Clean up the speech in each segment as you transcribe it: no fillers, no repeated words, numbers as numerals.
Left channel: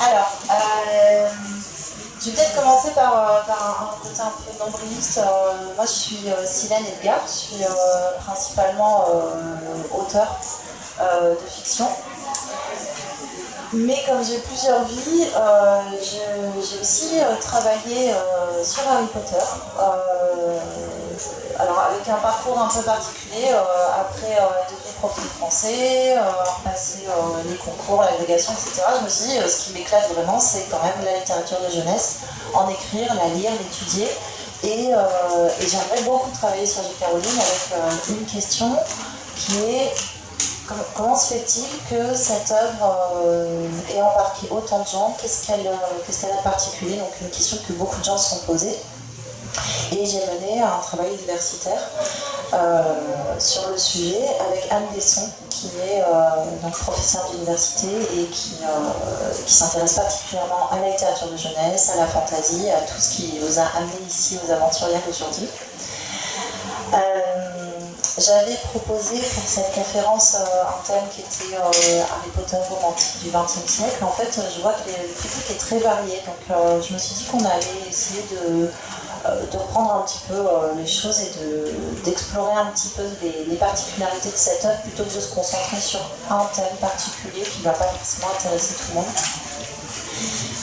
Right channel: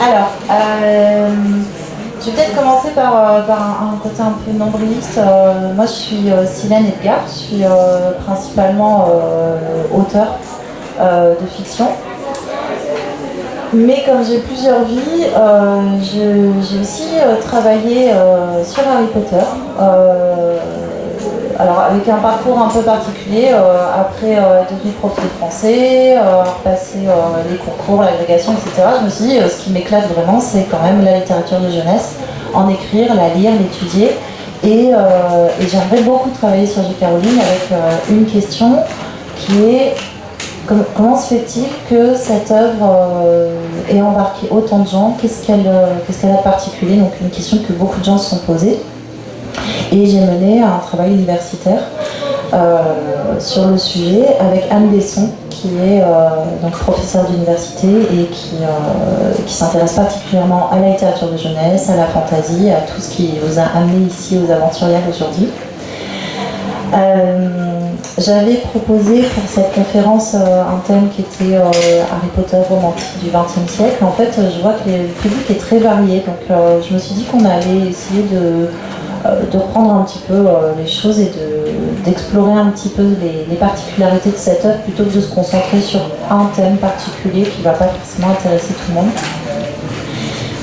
Alors, je vais peut-être commencer par un côté un peu nombriliste. Moi, je suis Silène Edgar, je suis principalement auteur de fiction. Mais comme j'ai plusieurs vies, j'ai aussi travaillé sur Harry Potter. Alors avec un parcours un peu particulier, après être devenue prof de français, passer les concours, l'agrégation, etc. Je me suis dit, ce qui m'éclate vraiment, c'est quand même la littérature de jeunesse, en écrire, la lire, l'étudier. Et j'aimerais beaucoup travailler sur J.K. Rowling avec une question qui est comment se fait-il que cette œuvre ait embarqué autant de gens? Qu'est-ce qu'elle a de particulier? Donc une question que beaucoup de gens se sont posées. Et j'ai mené un travail universitaire sur le sujet avec Anne Besson, qui est donc professeure d'université et qui s'intéresse particulièrement à la littérature de jeunesse, à la fantaisie, à tout ce qui vous a amené ici aux Aventurières aujourd'hui. J'avais proposé pour cette conférence un thème qui était Harry Potter romantique du XXe siècle. En fait, je vois que le public est très varié, donc je me suis dit qu'on allait essayer de reprendre un petit peu les choses et d'explorer un petit peu les particularités de cette œuvre plutôt que de se concentrer sur un thème particulier qui ne va pas forcément intéresser tout le monde.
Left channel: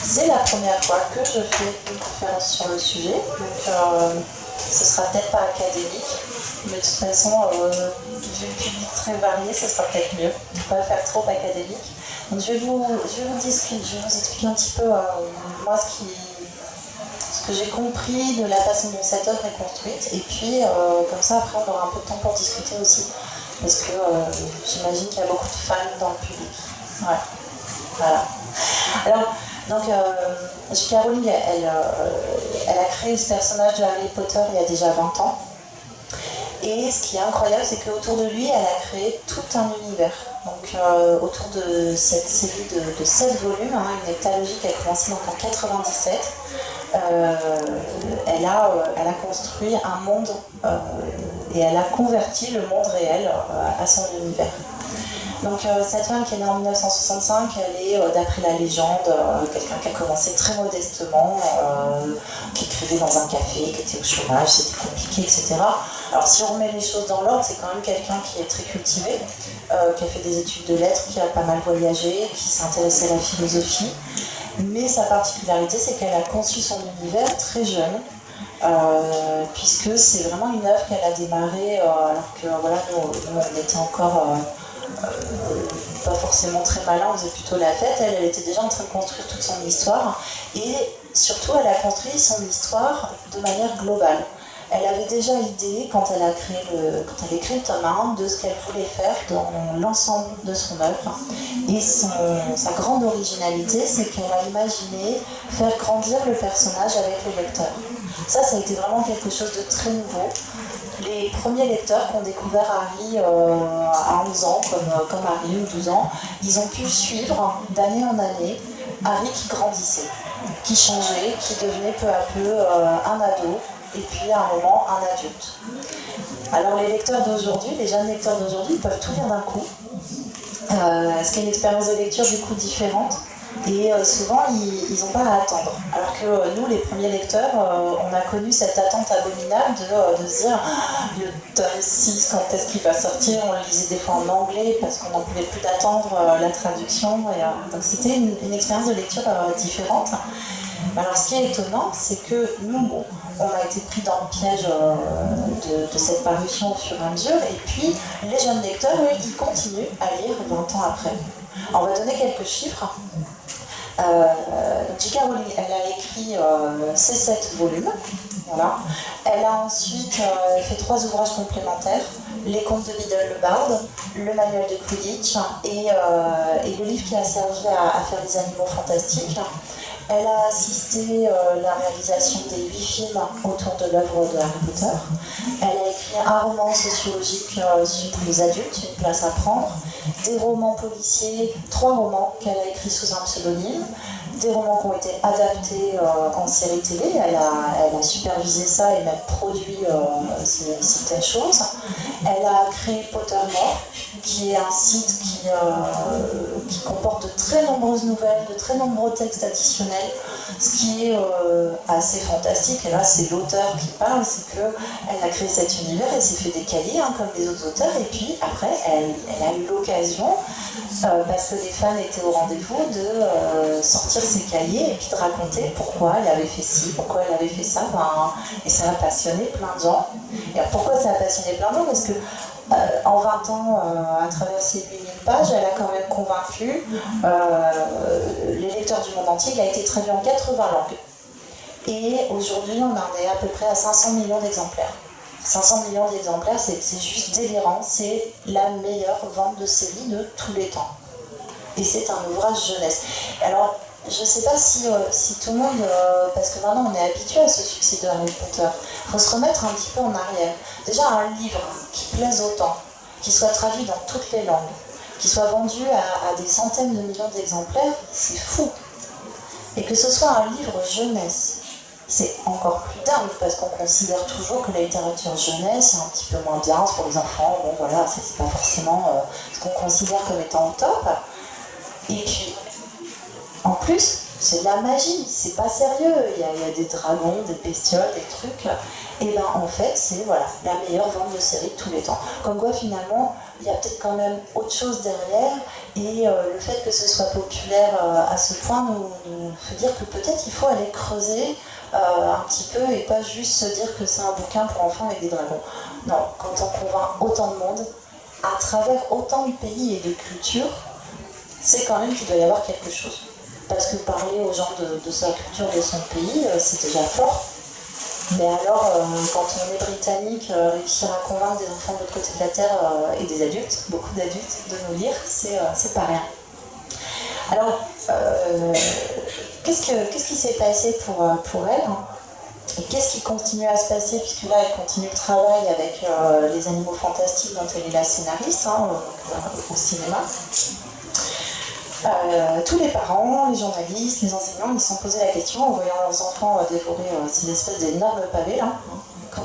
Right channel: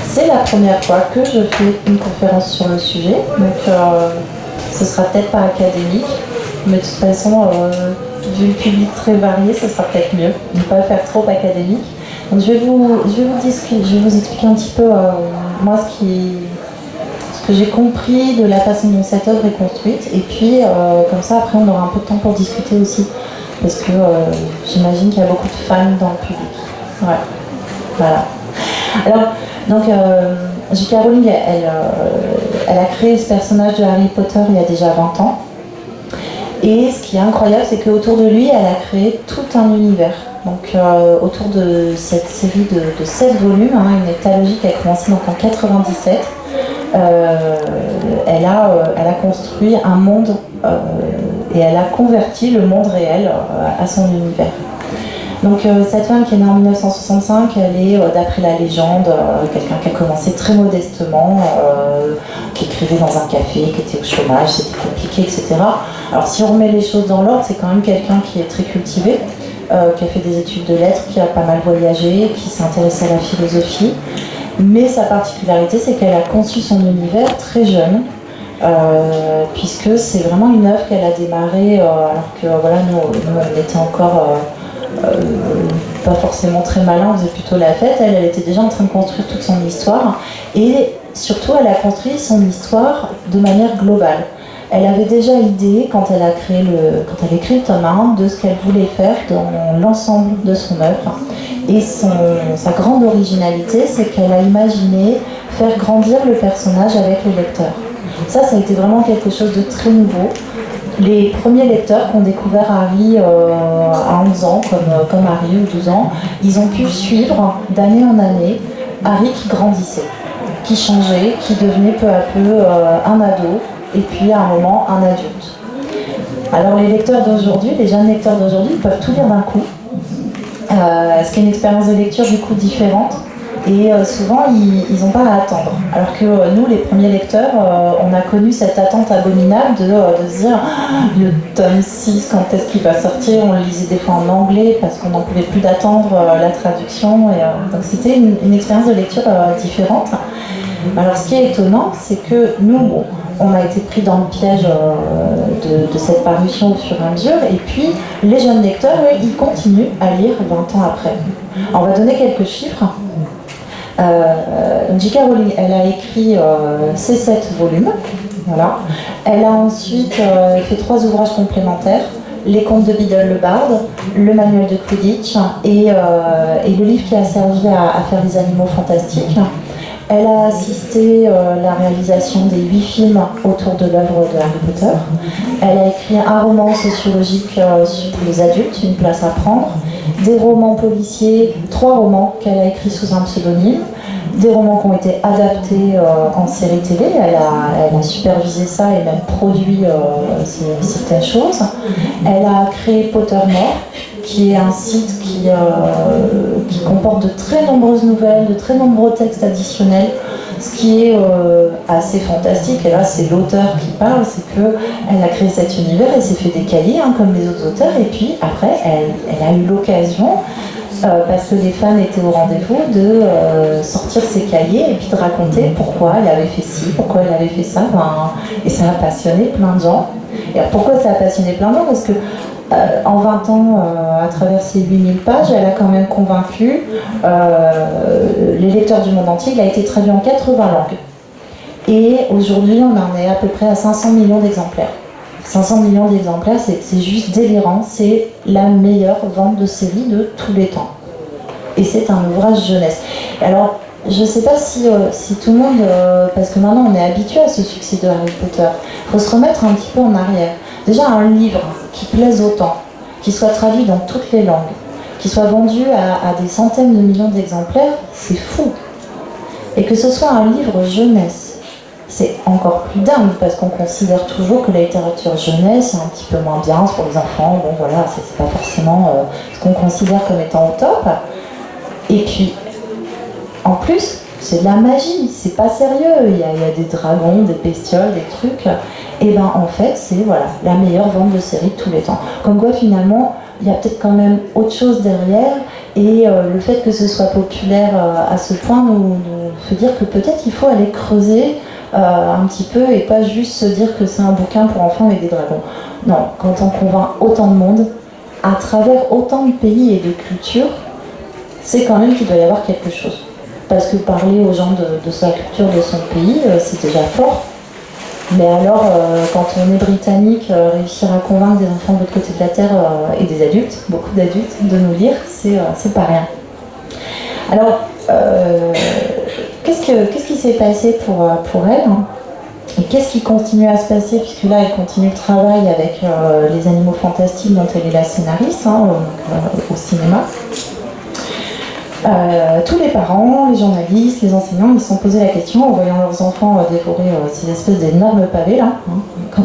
C'est la première fois que je fais une conférence sur le sujet, donc ce sera peut-être pas académique, mais de toute façon, vu le public très varié, ce sera peut-être mieux de ne pas faire trop académique. Donc je vais vous expliquer un petit peu moi ce que j'ai compris de la façon dont cette œuvre est construite, et puis comme ça après on aura un peu de temps pour discuter aussi, parce que j'imagine qu'il y a beaucoup de fans dans le public. Ouais. Voilà. Alors, donc J.K. Rowling, elle a créé ce personnage de Harry Potter il y a déjà 20 ans. Et ce qui est incroyable, c'est qu'autour de lui, elle a créé tout un univers. Donc autour de cette série de 7 volumes, une heptalogie qui a commencé donc en 97, elle a construit un monde et elle a converti le monde réel à son univers. Donc cette femme qui est née en 1965, elle est, d'après la légende, quelqu'un qui a commencé très modestement, qui écrivait dans un café, qui était au chômage, c'était compliqué, etc. Alors si on remet les choses dans l'ordre, c'est quand même quelqu'un qui est très cultivé, qui a fait des études de lettres, qui a pas mal voyagé, qui s'est intéressé à la philosophie. Mais sa particularité, c'est qu'elle a conçu son univers très jeune, puisque c'est vraiment une œuvre qu'elle a démarrée alors que voilà, nous on était encore pas forcément très malin, on faisait plutôt la fête. Elle était déjà en train de construire toute son histoire, et surtout elle a construit son histoire de manière globale. Elle avait déjà idée, quand elle a écrit le tome 1, de ce qu'elle voulait faire dans l'ensemble de son œuvre. Et sa grande originalité, c'est qu'elle a imaginé faire grandir le personnage avec le lecteur. Ça a été vraiment quelque chose de très nouveau. Les premiers lecteurs qui ont découvert Harry à 11 ans, comme Harry, ou 12 ans, ils ont pu suivre d'année en année Harry qui grandissait, qui changeait, qui devenait peu à peu un ado, et puis à un moment un adulte. Alors les lecteurs d'aujourd'hui, les jeunes lecteurs d'aujourd'hui, peuvent tout lire d'un coup, ce qui est une expérience de lecture du coup différente. Et souvent, ils n'ont pas à attendre. Alors que nous, les premiers lecteurs, on a connu cette attente abominable de se dire le tome 6, quand est-ce qu'il va sortir? On le lisait des fois en anglais parce qu'on n'en pouvait plus d'attendre la traduction. Donc c'était une expérience de lecture différente. Alors ce qui est étonnant, c'est que nous, on a été pris dans le piège de cette parution au fur et à mesure, et puis les jeunes lecteurs, eux, ils continuent à lire 20 ans après. Alors, on va donner quelques chiffres. J.K. Rowling, elle a écrit ces 7 volumes. Voilà. Elle a ensuite fait 3 ouvrages complémentaires: les contes de Biddle le Barde, le manuel de Quidditch et le livre qui a servi à faire les animaux fantastiques. Elle a assisté la réalisation des 8 films autour de l'œuvre de Harry Potter. Elle a écrit un roman sociologique pour les adultes, Une place à prendre, des romans policiers, 3 romans qu'elle a écrits sous un pseudonyme, des romans qui ont été adaptés en série télé. Elle a supervisé ça et même produit certaines choses. Elle a créé Pottermore, qui est un site qui qui comporte de très nombreuses nouvelles, de très nombreux textes additionnels. Ce qui est assez fantastique, et là c'est l'auteur qui parle, c'est qu'elle a créé cet univers, elle s'est fait des cahiers comme les autres auteurs, et puis après elle a eu l'occasion, parce que les fans étaient au rendez-vous, de sortir ses cahiers et puis de raconter pourquoi elle avait fait ci, pourquoi elle avait fait ça, et ça a passionné plein de gens. Et alors, pourquoi ça a passionné plein de gens? Parce que en 20 ans, à travers ces 8000 pages, elle a quand même convaincu les lecteurs du monde entier. Il a été traduit en 80 langues. Et aujourd'hui, on en est à peu près à 500 millions d'exemplaires. 500 millions d'exemplaires, c'est juste délirant. C'est la meilleure vente de série de tous les temps. Et c'est un ouvrage jeunesse. Alors, je ne sais pas si tout le monde... parce que maintenant, on est habitué à ce succès de Harry Potter. Il faut se remettre un petit peu en arrière. Déjà, un livre qui plaise autant, qui soit traduit dans toutes les langues, qui soit vendu à des centaines de millions d'exemplaires, c'est fou. Et que ce soit un livre jeunesse, c'est encore plus dingue, parce qu'on considère toujours que la littérature jeunesse est un petit peu moins bien, c'est pour les enfants, bon voilà, c'est pas forcément ce qu'on considère comme étant au top. Et puis, en plus, c'est de la magie, c'est pas sérieux, il y a des dragons, des bestioles, des trucs. Et ben en fait, c'est voilà, la meilleure vente de série de tous les temps. Comme quoi finalement, il y a peut-être quand même autre chose derrière, et le fait que ce soit populaire à ce point nous fait dire que peut-être il faut aller creuser un petit peu et pas juste se dire que c'est un bouquin pour enfants avec des dragons. Non, quand on convainc autant de monde, à travers autant de pays et de cultures, c'est quand même qu'il doit y avoir quelque chose. Parce que parler aux gens de sa culture, de son pays, c'est déjà fort. Mais alors, quand on est britannique, réussir à convaincre des enfants de l'autre côté de la Terre et des adultes, beaucoup d'adultes, de nous lire, c'est pas rien. Alors, qu'est-ce qui s'est passé pour elle, hein, et qu'est-ce qui continue à se passer, puisque là, elle continue le travail avec les Animaux Fantastiques, dont elle est la scénariste, au cinéma. Tous les parents, les journalistes, les enseignants, ils se sont posé la question en voyant leurs enfants dévorer ces espèces d'énormes pavés là. Quand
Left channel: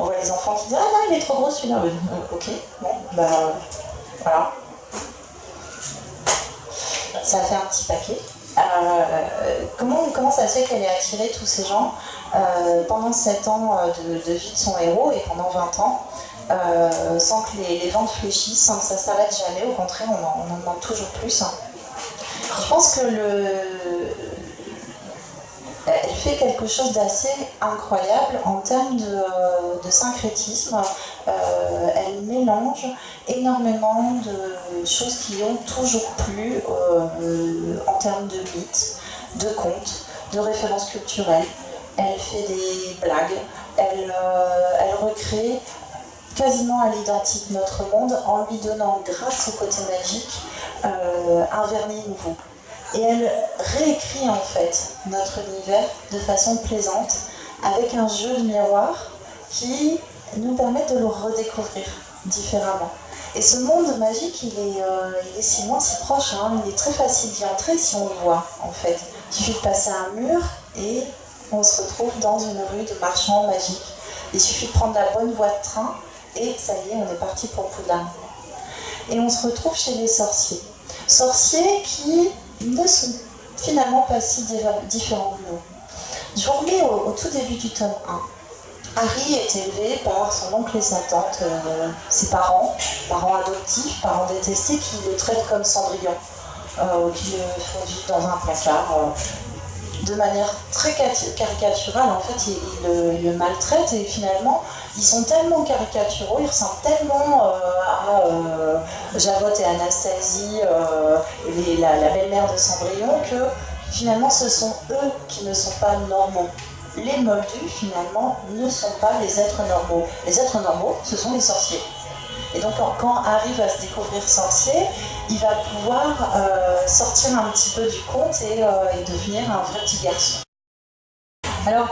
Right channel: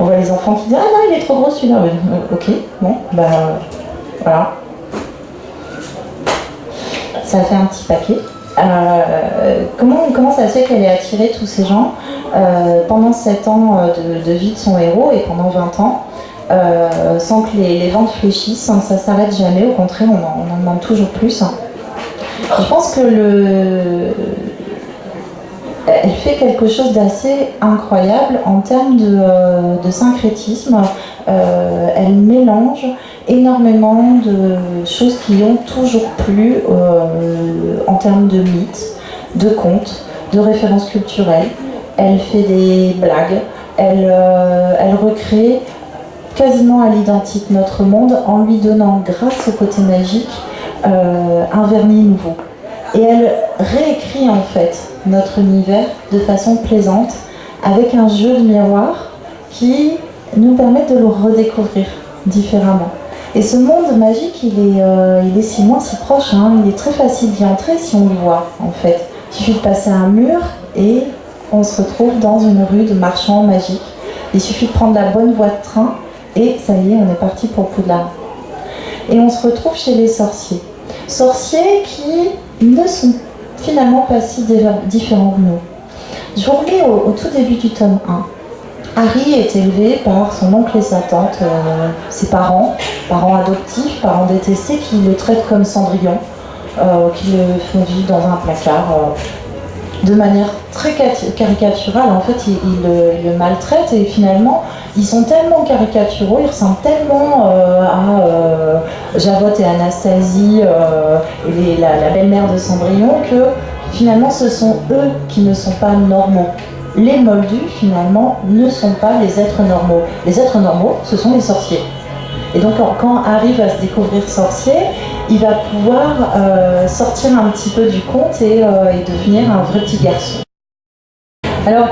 on voit les enfants qui disent « Ah non, il est trop gros celui-là ». Ok, bon, voilà. Ça a fait un petit paquet. Comment ça se fait qu'elle ait attiré tous ces gens pendant 7 ans de vie de son héros et pendant 20 ans sans que les ventes fléchissent, sans que ça s'arrête jamais, au contraire, on en demande toujours plus. Je pense que elle fait quelque chose d'assez incroyable en termes de syncrétisme. Elle mélange énormément de choses qui ont toujours plu en termes de mythes, de contes, de références culturelles. Elle fait des blagues, elle recrée quasiment à l'identique notre monde en lui donnant, grâce au côté magique, un vernis nouveau. Et elle réécrit en fait notre univers de façon plaisante, avec un jeu de miroir qui nous permet de le redécouvrir différemment. Et ce monde magique, il est si loin, si proche, hein, il est très facile d'y entrer si on le voit en fait. Il suffit de passer un mur et on se retrouve dans une rue de marchands magiques. Il suffit de prendre la bonne voie de train et ça y est, on est parti pour Poudlard. Et on se retrouve chez les sorciers. Sorciers qui ne sont finalement pas si différents que nous. Je vous remets au tout début du tome 1. Harry est élevé par son oncle et sa tante, ses parents adoptifs, parents détestés, qui le traitent comme Cendrillon, qui le font vivre dans un placard de manière très caricaturale. En fait, ils le maltraitent et finalement, ils sont tellement caricaturaux, ils ressemblent tellement à Javotte et Anastasie et la belle-mère de Cendrillon que finalement, ce sont eux qui ne sont pas normaux. Les moldus, finalement, ne sont pas les êtres normaux. Les êtres normaux, ce sont les sorciers. Et donc, quand Harry va se découvrir sorcier, il va pouvoir sortir un petit peu du conte et devenir un vrai petit garçon. Alors,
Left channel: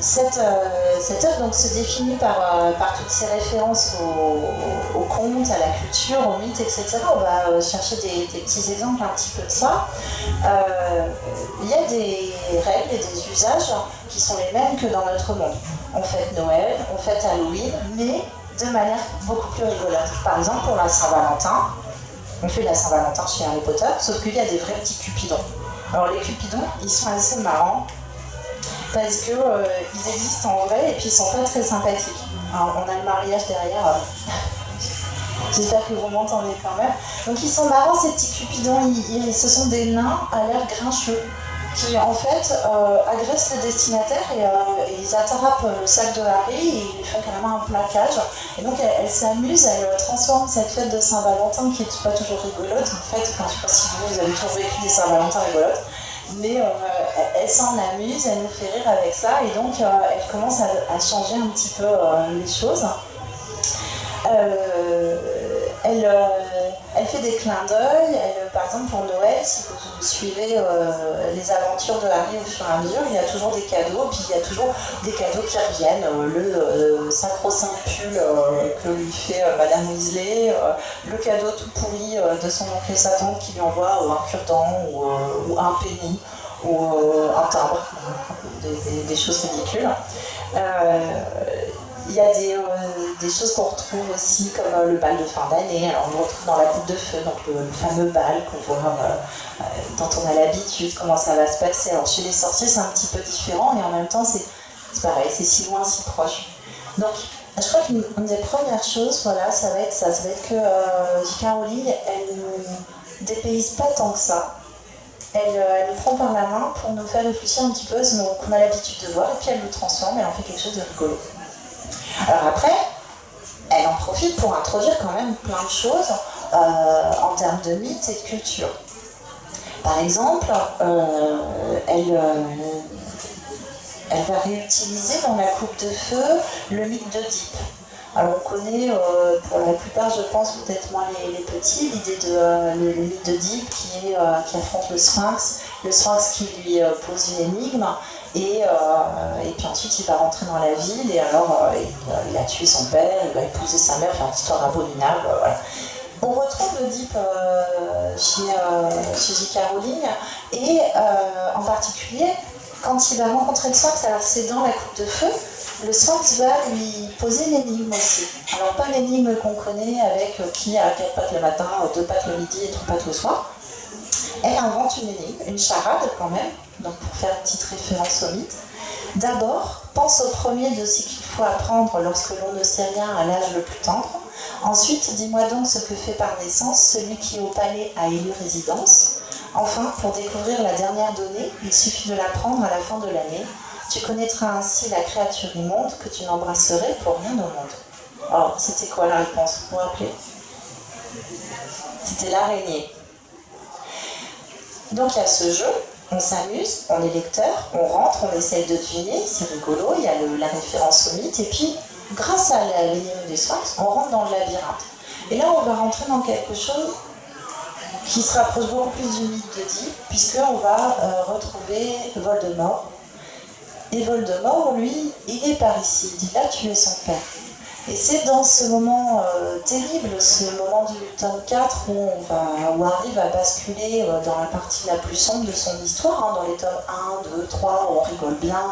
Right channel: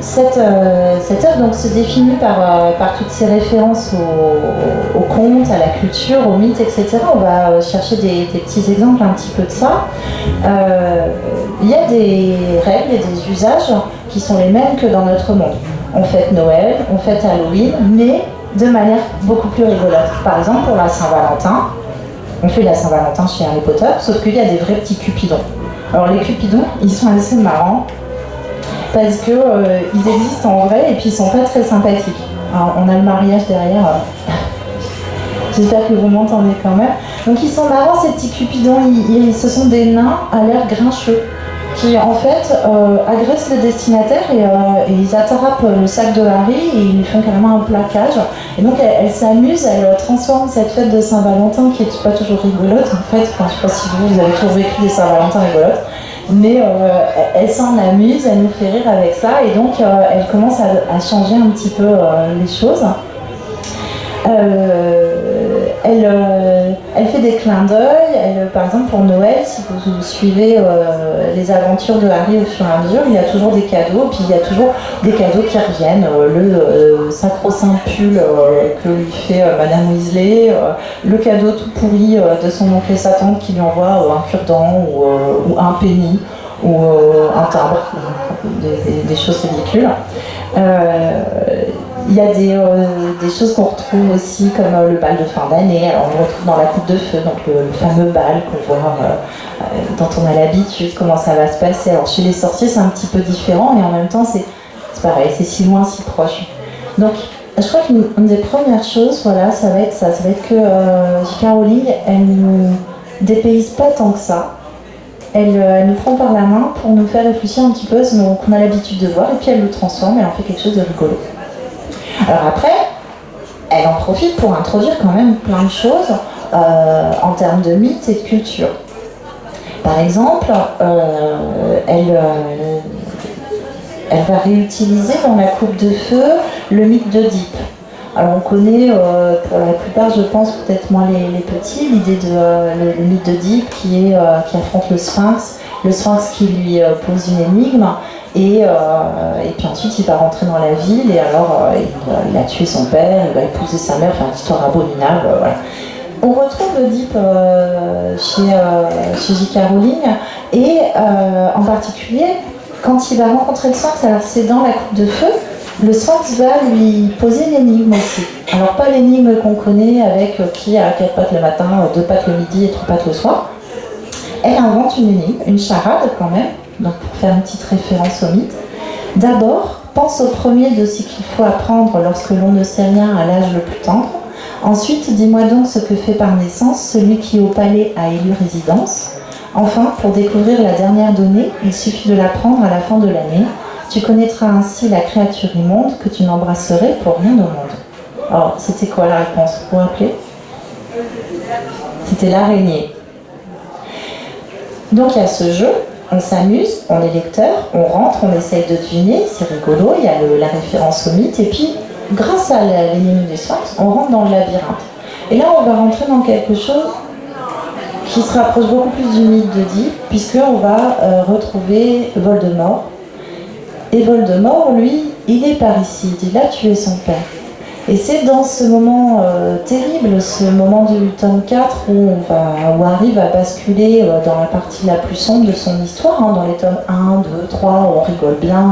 cette œuvre donc, se définit par toutes ces références au conte, à la culture, aux mythes, etc. On va chercher des petits exemples un petit peu de ça. Il y a des règles et des usages qui sont les mêmes que dans notre monde. On fête Noël, on fête Halloween, mais de manière beaucoup plus rigolote. Par exemple, pour la Saint-Valentin, on fait la Saint-Valentin chez Harry Potter, sauf qu'il y a des vrais petits cupidons. Alors les cupidons, ils sont assez marrants, parce que ils existent en vrai et puis ils sont pas très sympathiques. Alors, on a le mariage derrière. J'espère que vous m'entendez quand même. Donc ils sont marrants ces petits cupidons. Ce sont des nains à l'air grincheux qui en fait agressent le destinataire et ils attrapent le sac de Harry et ils lui font carrément un plaquage. Et donc elle s'amuse, elle transforme cette fête de Saint-Valentin qui est pas toujours rigolote en fait. Enfin, je sais pas si vous avez toujours vécu des Saint-Valentin rigolotes. Mais elle s'en amuse, elle nous fait rire avec ça et donc elle commence à changer un petit peu les choses. Elle fait des clins d'œil. Par exemple pour Noël, si vous suivez les aventures de Harry au fur et à mesure, il y a toujours des cadeaux, puis il y a toujours des cadeaux qui reviennent. Le sacro-saint pull que lui fait Madame Weasley, le cadeau tout pourri de son oncle et sa tante qui lui envoie un cure-dent ou un penny ou un timbre, des choses ridicules. Il y a des choses qu'on retrouve aussi comme le bal de fin d'année. Alors on le retrouve dans la coupe de feu, donc le fameux bal qu'on voit, dont on a l'habitude, comment ça va se passer. Alors chez les sorciers c'est un petit peu différent et en même temps c'est pareil, c'est si loin, si proche. Donc je crois qu'une des premières choses, voilà, ça va être que J.K. Rowling, elle nous dépayse pas tant que ça. Elle nous prend par la main pour nous faire réfléchir un petit peu à ce qu'on a l'habitude de voir et puis elle le transforme, elle en fait quelque chose de rigolo. Alors après, elle en profite pour introduire quand même plein de choses en termes de mythes et de culture. Par exemple, elle va réutiliser dans la coupe de feu le mythe d'Oedipe. Alors on connaît pour la plupart, je pense, peut-être moins les petits, l'idée de le mythe d'Oedipe qui affronte le Sphinx qui lui pose une énigme. Et puis ensuite il va rentrer dans la ville et alors il a tué son père, il va épouser sa mère, enfin une histoire abominable, voilà. On retrouve Oedipe chez J.K. Rowling et en particulier quand il va rencontrer le Sphinx, alors c'est dans la coupe de feu, le Sphinx va lui poser une énigme aussi. Alors pas l'énigme qu'on connaît avec qui a 4 pattes le matin, 2 pattes le midi et 3 pattes le soir. Elle invente une énigme, une charade quand même. Donc pour faire une petite référence au mythe. D'abord, pense au premier de ce qu'il faut apprendre lorsque l'on ne sait rien à l'âge le plus tendre. Ensuite, dis-moi donc ce que fait par naissance celui qui au palais a élu résidence. Enfin, pour découvrir la dernière donnée, il suffit de l'apprendre à la fin de l'année. Tu connaîtras ainsi la créature immonde que tu n'embrasserais pour rien au monde. Alors, c'était quoi la réponse? Vous vous rappelez? C'était l'araignée. Donc il y a ce jeu. On s'amuse, on est lecteur, on rentre, on essaye de deviner, c'est rigolo, il y a la référence au mythe, et puis, grâce à l'énigme du Sphinx, on rentre dans le labyrinthe. Et là, on va rentrer dans quelque chose qui se rapproche beaucoup plus du mythe d'Oedipe, puisqu'on va retrouver Voldemort. Et Voldemort, lui, il est parricide, il a tué son père. Et c'est dans ce moment terrible, ce moment du tome 4 où Harry va basculer dans la partie la plus sombre de son histoire, hein, dans les tomes 1, 2, 3, on rigole bien,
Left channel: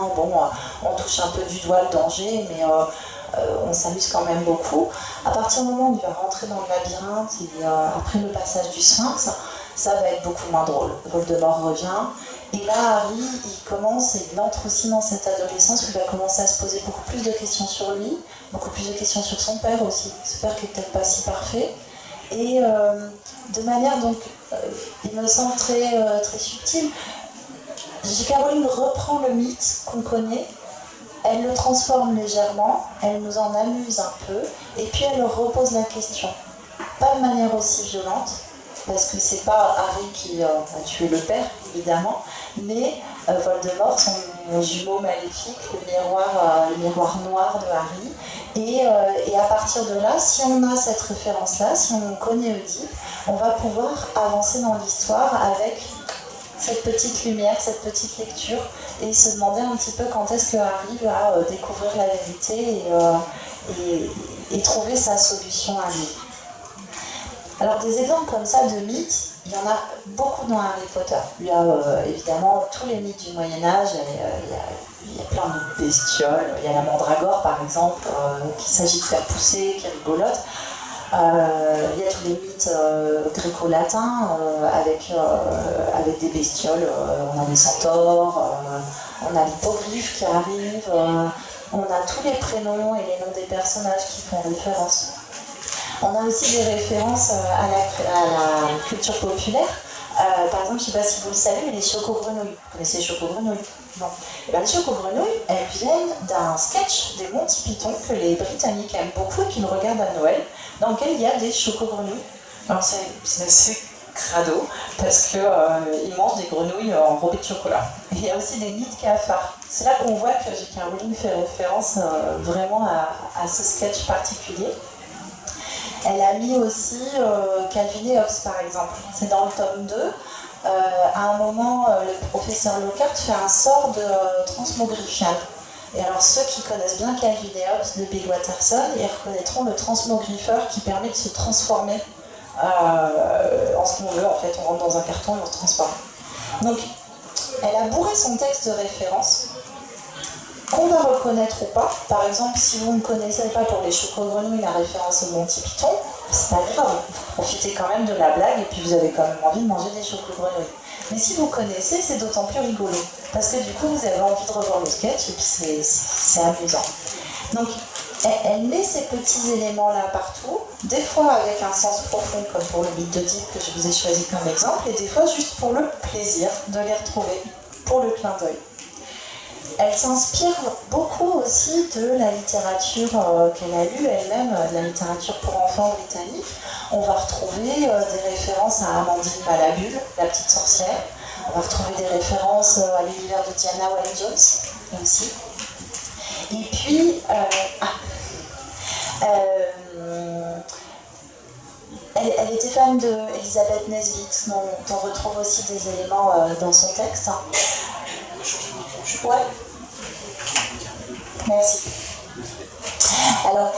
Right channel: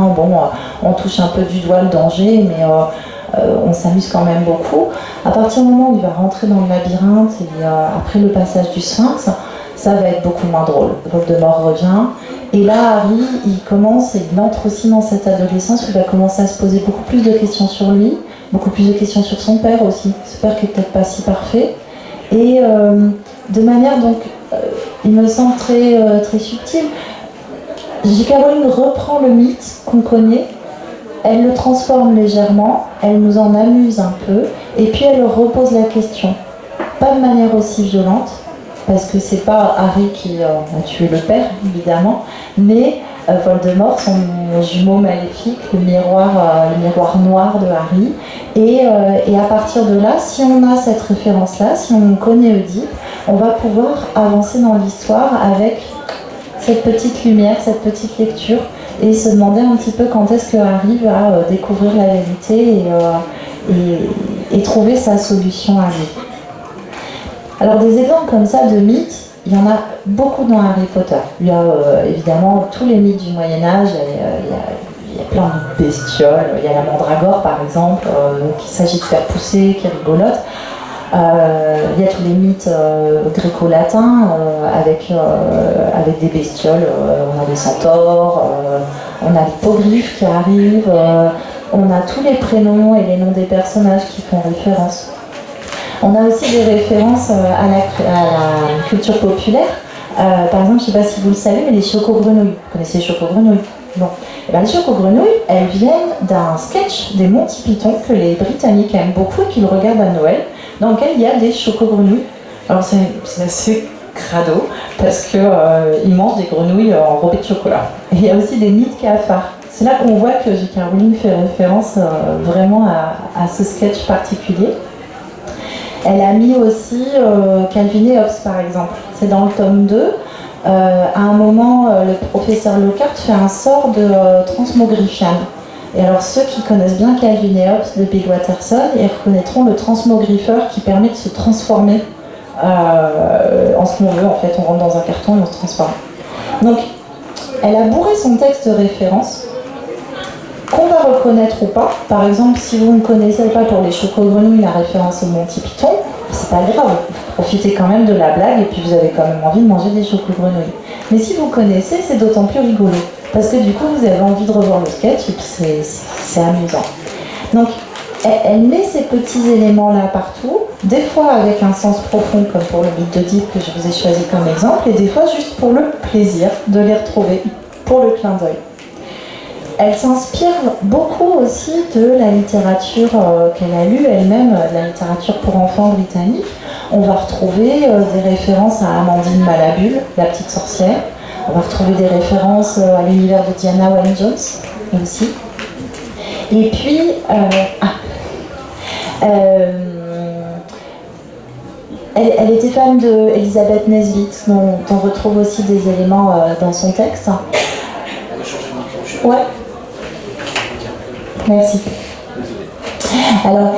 on touche un peu du doigt le danger, mais on s'amuse quand même beaucoup. À partir du moment où il va rentrer dans le labyrinthe et après le passage du Sphinx, ça va être beaucoup moins drôle. Voldemort revient, et là Harry, il entre aussi dans cette adolescence où il va commencer à se poser beaucoup plus de questions sur lui, beaucoup plus de questions sur son père aussi, ce père qui est peut-être pas si parfait, et de manière donc, il me semble très, très subtile, J.K. Rowling reprend le mythe qu'on connaît, elle le transforme légèrement, elle nous en amuse un peu, et puis elle repose la question, pas de manière aussi violente, parce que c'est pas Harry qui a tué le père, évidemment, mais Voldemort, son jumeau maléfique, le miroir noir de Harry. Et à partir de là, si on a cette référence-là, si on connaît Oedipe, on va pouvoir avancer dans l'histoire avec cette petite lumière, cette petite lecture, et se demander un petit peu quand est-ce que Harry va découvrir la vérité et trouver sa solution à lui. Alors des exemples comme ça de mythes, il y en a beaucoup dans Harry Potter. Il y a évidemment tous les mythes du Moyen-Âge, il y a plein de bestioles. Il y a la mandragore par exemple, qu'il s'agit de faire pousser, qui est rigolote. Il y a tous les mythes gréco-latins avec des bestioles. On a les centaures, on a l'hippogriffe qui arrive, on a tous les prénoms et les noms des personnages qui font référence. On a aussi des références à la culture populaire. Par exemple, je ne sais pas si vous le savez, mais les chocogrenouilles. Vous connaissez les chocogrenouilles? Non. Et bien, les chocogrenouilles, elles viennent d'un sketch des Monty Python que les Britanniques aiment beaucoup et qu'ils regardent à Noël, dans lequel il y a des chocogrenouilles. Alors c'est assez crado parce qu'ils mangent des grenouilles enrobées de chocolat. Et il y a aussi des nids de cafards. C'est là qu'on voit que J.K. Rowling fait référence vraiment à ce sketch particulier. Elle a mis aussi Calvin et Hobbes par exemple. C'est dans le tome 2. À un moment, le professeur Lockhart fait un sort de transmogrifiane. Et alors ceux qui connaissent bien Calvin et Hobbes de Bill Watterson, ils reconnaîtront le transmogrifeur qui permet de se transformer en ce qu'on veut. En fait, on rentre dans un carton et on se transforme. Donc, elle a bourré son texte de référence, qu'on va reconnaître ou pas. Par exemple, si vous ne connaissez pas pour les chocogrenouilles la référence au Monty Python, c'est pas grave, vous profitez quand même de la blague et puis vous avez quand même envie de manger des chocogrenouilles. Mais si vous connaissez, c'est d'autant plus rigolo. Parce que du coup, vous avez envie de revoir le sketch et puis c'est amusant. Donc, elle met ces petits éléments-là partout, des fois avec un sens profond, comme pour le mythe d'Oedipe que je vous ai choisi comme exemple, et des fois juste pour le plaisir de les retrouver, pour le clin d'œil. Elle s'inspire beaucoup aussi de la littérature qu'elle a lue elle-même, de la littérature pour enfants britannique. On va retrouver des références à Amandine Malabule, la petite sorcière. On va retrouver des références à l'univers de Diana Wynne-Jones aussi. Et puis, elle était fan d'Elizabeth Nesbit, dont on retrouve aussi des éléments dans son texte. Ouais. Merci. Alors,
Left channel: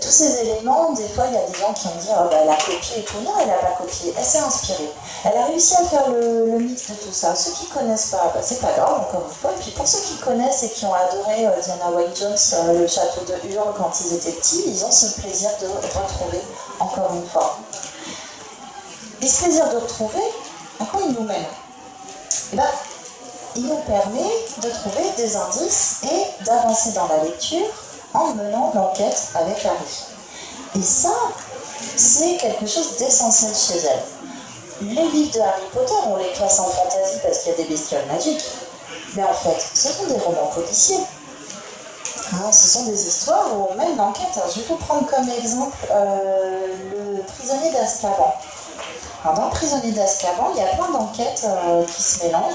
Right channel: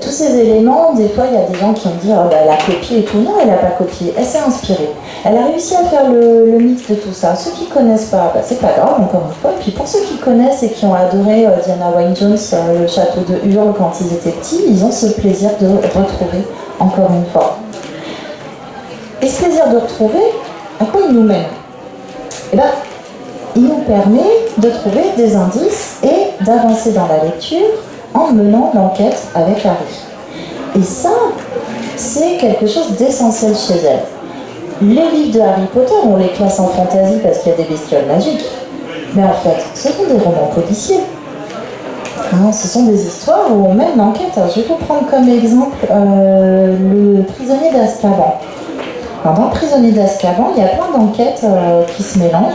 tous ces éléments, des fois, il y a des gens qui vont dire oh, bah, elle a copié et tout. Non, elle n'a pas copié, elle s'est inspirée. Elle a réussi à faire le mix de tout ça. Ceux qui ne connaissent pas, bah, c'est pas grave, encore une fois. Et puis pour ceux qui connaissent et qui ont adoré Diana Wynne-Jones, le château de Hurle quand ils étaient petits, ils ont ce plaisir de retrouver encore une fois. Et ce plaisir de retrouver, à quoi il nous mène? Eh ben, il nous permet de trouver des indices et d'avancer dans la lecture en menant l'enquête avec Harry. Et ça, c'est quelque chose d'essentiel chez elle. Les livres de Harry Potter, on les classe en fantasy parce qu'il y a des bestioles magiques. Mais en fait, ce sont des romans policiers. Ce sont des histoires où on mène l'enquête. Je vais vous prendre comme exemple le prisonnier d'Azkaban. Alors, dans le prisonnier d'Azkaban, il y a plein d'enquêtes qui se mélangent.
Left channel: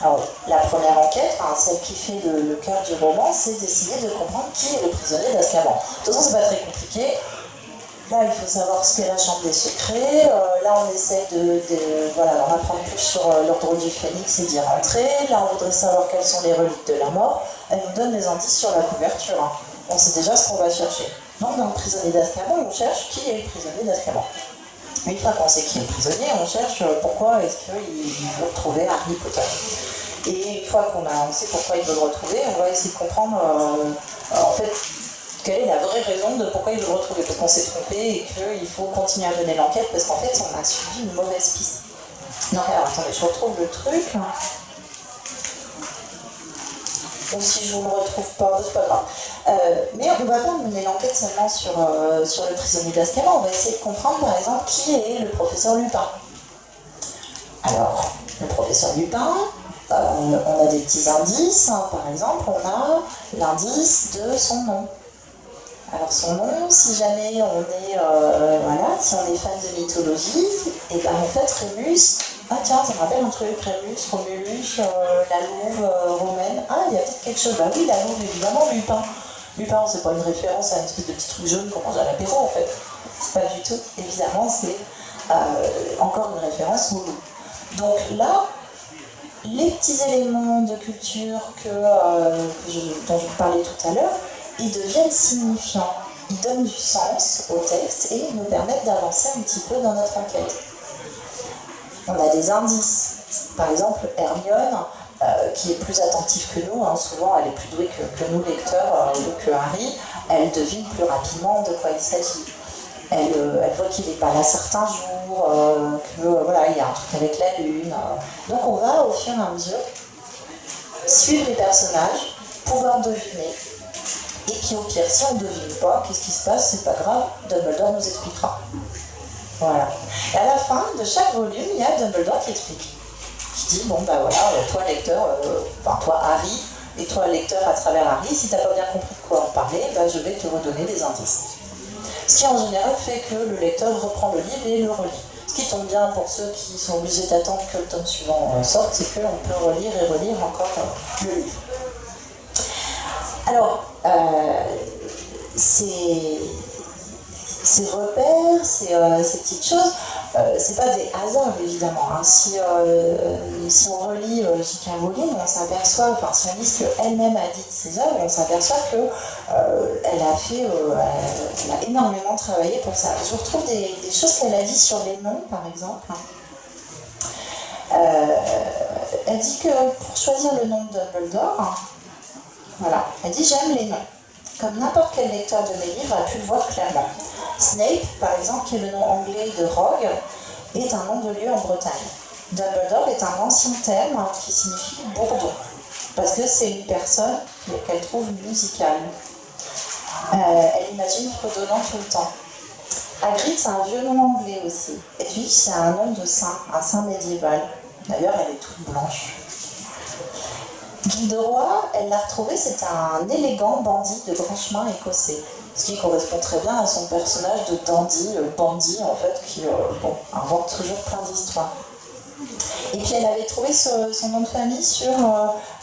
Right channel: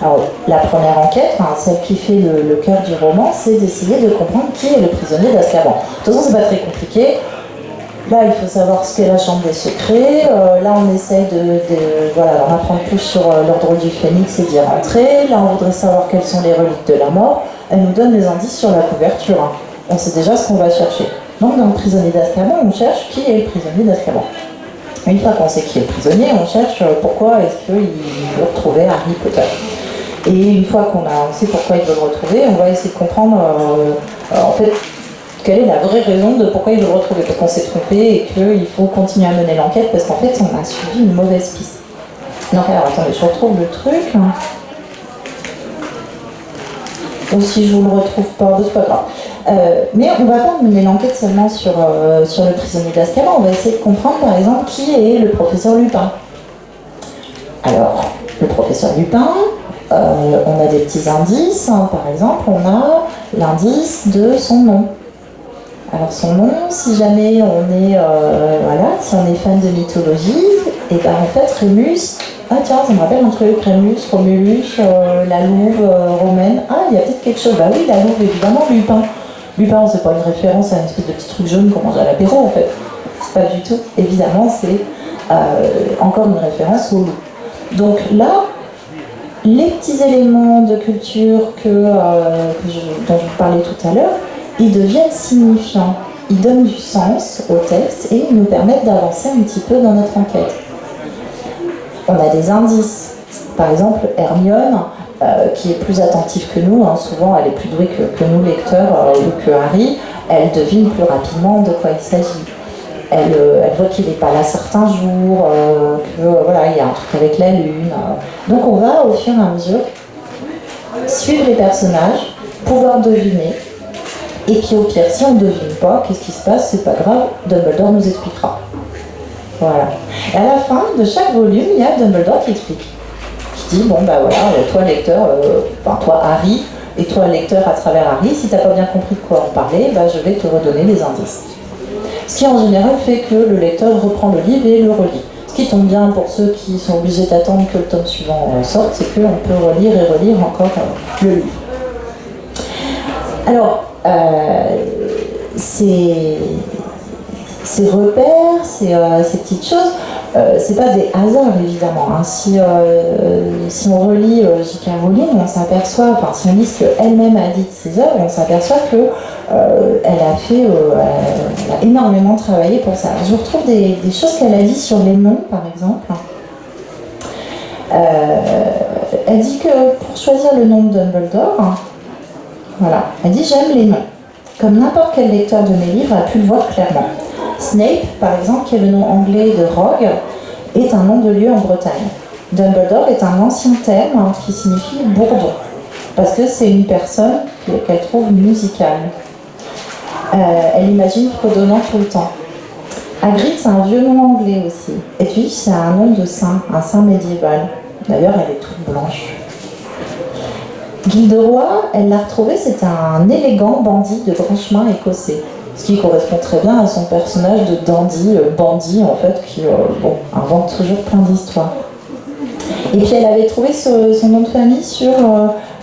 Alors, la première enquête, celle qui fait le cœur du roman, c'est d'essayer de comprendre qui est le prisonnier d'Azkaban. De toute façon, c'est pas très compliqué. Là, il faut savoir ce qu'est la chambre des secrets. Là, on essaye d'en apprendre plus sur l'ordre du Phénix et d'y rentrer. Là, on voudrait savoir quelles sont les reliques de la mort. Elle nous donne des indices sur la couverture. On sait déjà ce qu'on va chercher. Donc, dans le prisonnier d'Azkaban, on cherche qui est le prisonnier d'Azkaban. Une fois qu'on sait qui est le prisonnier, on cherche pourquoi est-ce qu'il veut retrouver Harry Potter. Et une fois qu'on sait pourquoi il veut le retrouver, on va essayer de comprendre en fait quelle est la vraie raison de pourquoi il veut le retrouver. Parce qu'on s'est trompé et qu'il faut continuer à mener l'enquête parce qu'en fait on a suivi une mauvaise piste. Donc alors attendez, je retrouve le truc. Ou si je vous le retrouve pas, c'est pas grave. Mais on va pas mener l'enquête seulement sur le prisonnier d'Azkaban, on va essayer de comprendre par exemple qui est le professeur Lupin. Alors, le professeur Lupin, on a des petits indices, par exemple on a l'indice de son nom. Alors son nom, si jamais on est, si on est fan de mythologie, et ben en fait Rémus, ah tiens, ça me rappelle un truc, Rémus, Romulus, la louve romaine, ah il y a peut-être quelque chose, bah oui la louve évidemment, Lupin. Lupin, c'est pas une référence à une espèce de petit truc jaune qu'on mange à l'apéro en fait, pas du tout, évidemment c'est encore une référence au loup. Donc là, les petits éléments de culture dont je vous parlais tout à l'heure, ils deviennent signifiants, ils donnent du sens au texte et ils nous permettent d'avancer un petit peu dans notre enquête. On a des indices. Par exemple, Hermione, qui est plus attentive que nous, hein. Souvent elle est plus douée que nous lecteurs ou que Harry, elle devine plus rapidement de quoi il s'agit. Elle voit qu'il n'est pas là certains jours, que voilà, il y a un truc avec la lune. Donc on va au fur et à mesure suivre les personnages, pouvoir deviner. Et puis au pire, si on ne devine pas, qu'est-ce qui se passe? C'est pas grave, Dumbledore nous expliquera. Voilà. Et à la fin de chaque volume, il y a Dumbledore qui explique. Qui dit, bon bah voilà, toi lecteur, enfin toi Harry, et toi lecteur à travers Harry, si t'as pas bien compris de quoi on parlait, bah je vais te redonner des indices. Ce qui en général fait que le lecteur reprend le livre et le relit. Ce qui tombe bien pour ceux qui sont obligés d'attendre que le tome suivant sorte, c'est qu'on peut relire et relire encore le livre. Alors, ces repères, ces petites choses, c'est pas des hasards évidemment. Hein. Si on relit J.K. Rowling, on s'aperçoit, enfin si on lit ce qu'elle-même a dit de ses œuvres, on s'aperçoit que elle a énormément travaillé pour ça. Je retrouve des choses qu'elle a dit sur les noms, par exemple. Elle dit que pour choisir le nom de Dumbledore, voilà, elle dit j'aime les noms. Comme n'importe quel lecteur de mes livres a pu le voir clairement. Snape, par exemple, qui est le nom anglais de Rogue, est un nom de lieu en Bretagne. Dumbledore est un ancien terme qui signifie bourdon, parce que c'est une personne qu'elle trouve musicale. Elle imagine fredonnant tout le temps. Hagrid, c'est un vieux nom anglais aussi. Et puis, c'est un nom de saint, un saint médiéval. D'ailleurs, elle est toute blanche. Gilderoy, elle l'a retrouvé, c'est un élégant bandit de grand chemin écossais. Ce qui correspond très bien à son personnage de dandy, bandit en fait, qui invente toujours plein d'histoires. Et puis elle avait trouvé son nom de famille sur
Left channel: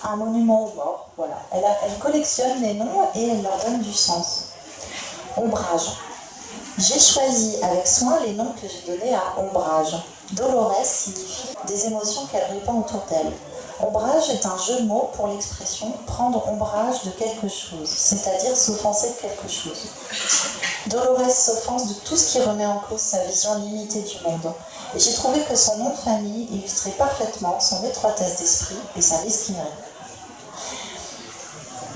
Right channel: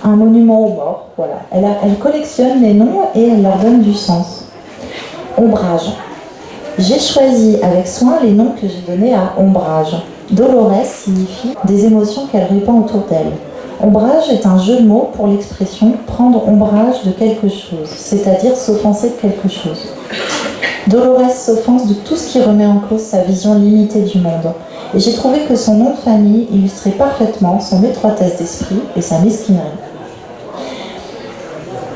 un monument aux morts. Voilà. Elle collectionne les noms et elle leur donne du sens. Ombrage. J'ai choisi avec soin les noms que j'ai donnés à Ombrage. Dolores signifie des émotions qu'elle répand autour d'elle. Ombrage est un jeu de mots pour l'expression prendre ombrage de quelque chose, c'est-à-dire s'offenser de quelque chose. Dolores s'offense de tout ce qui remet en cause sa vision limitée du monde. Et j'ai trouvé que son nom de famille illustrait parfaitement son étroitesse d'esprit et sa mesquinerie.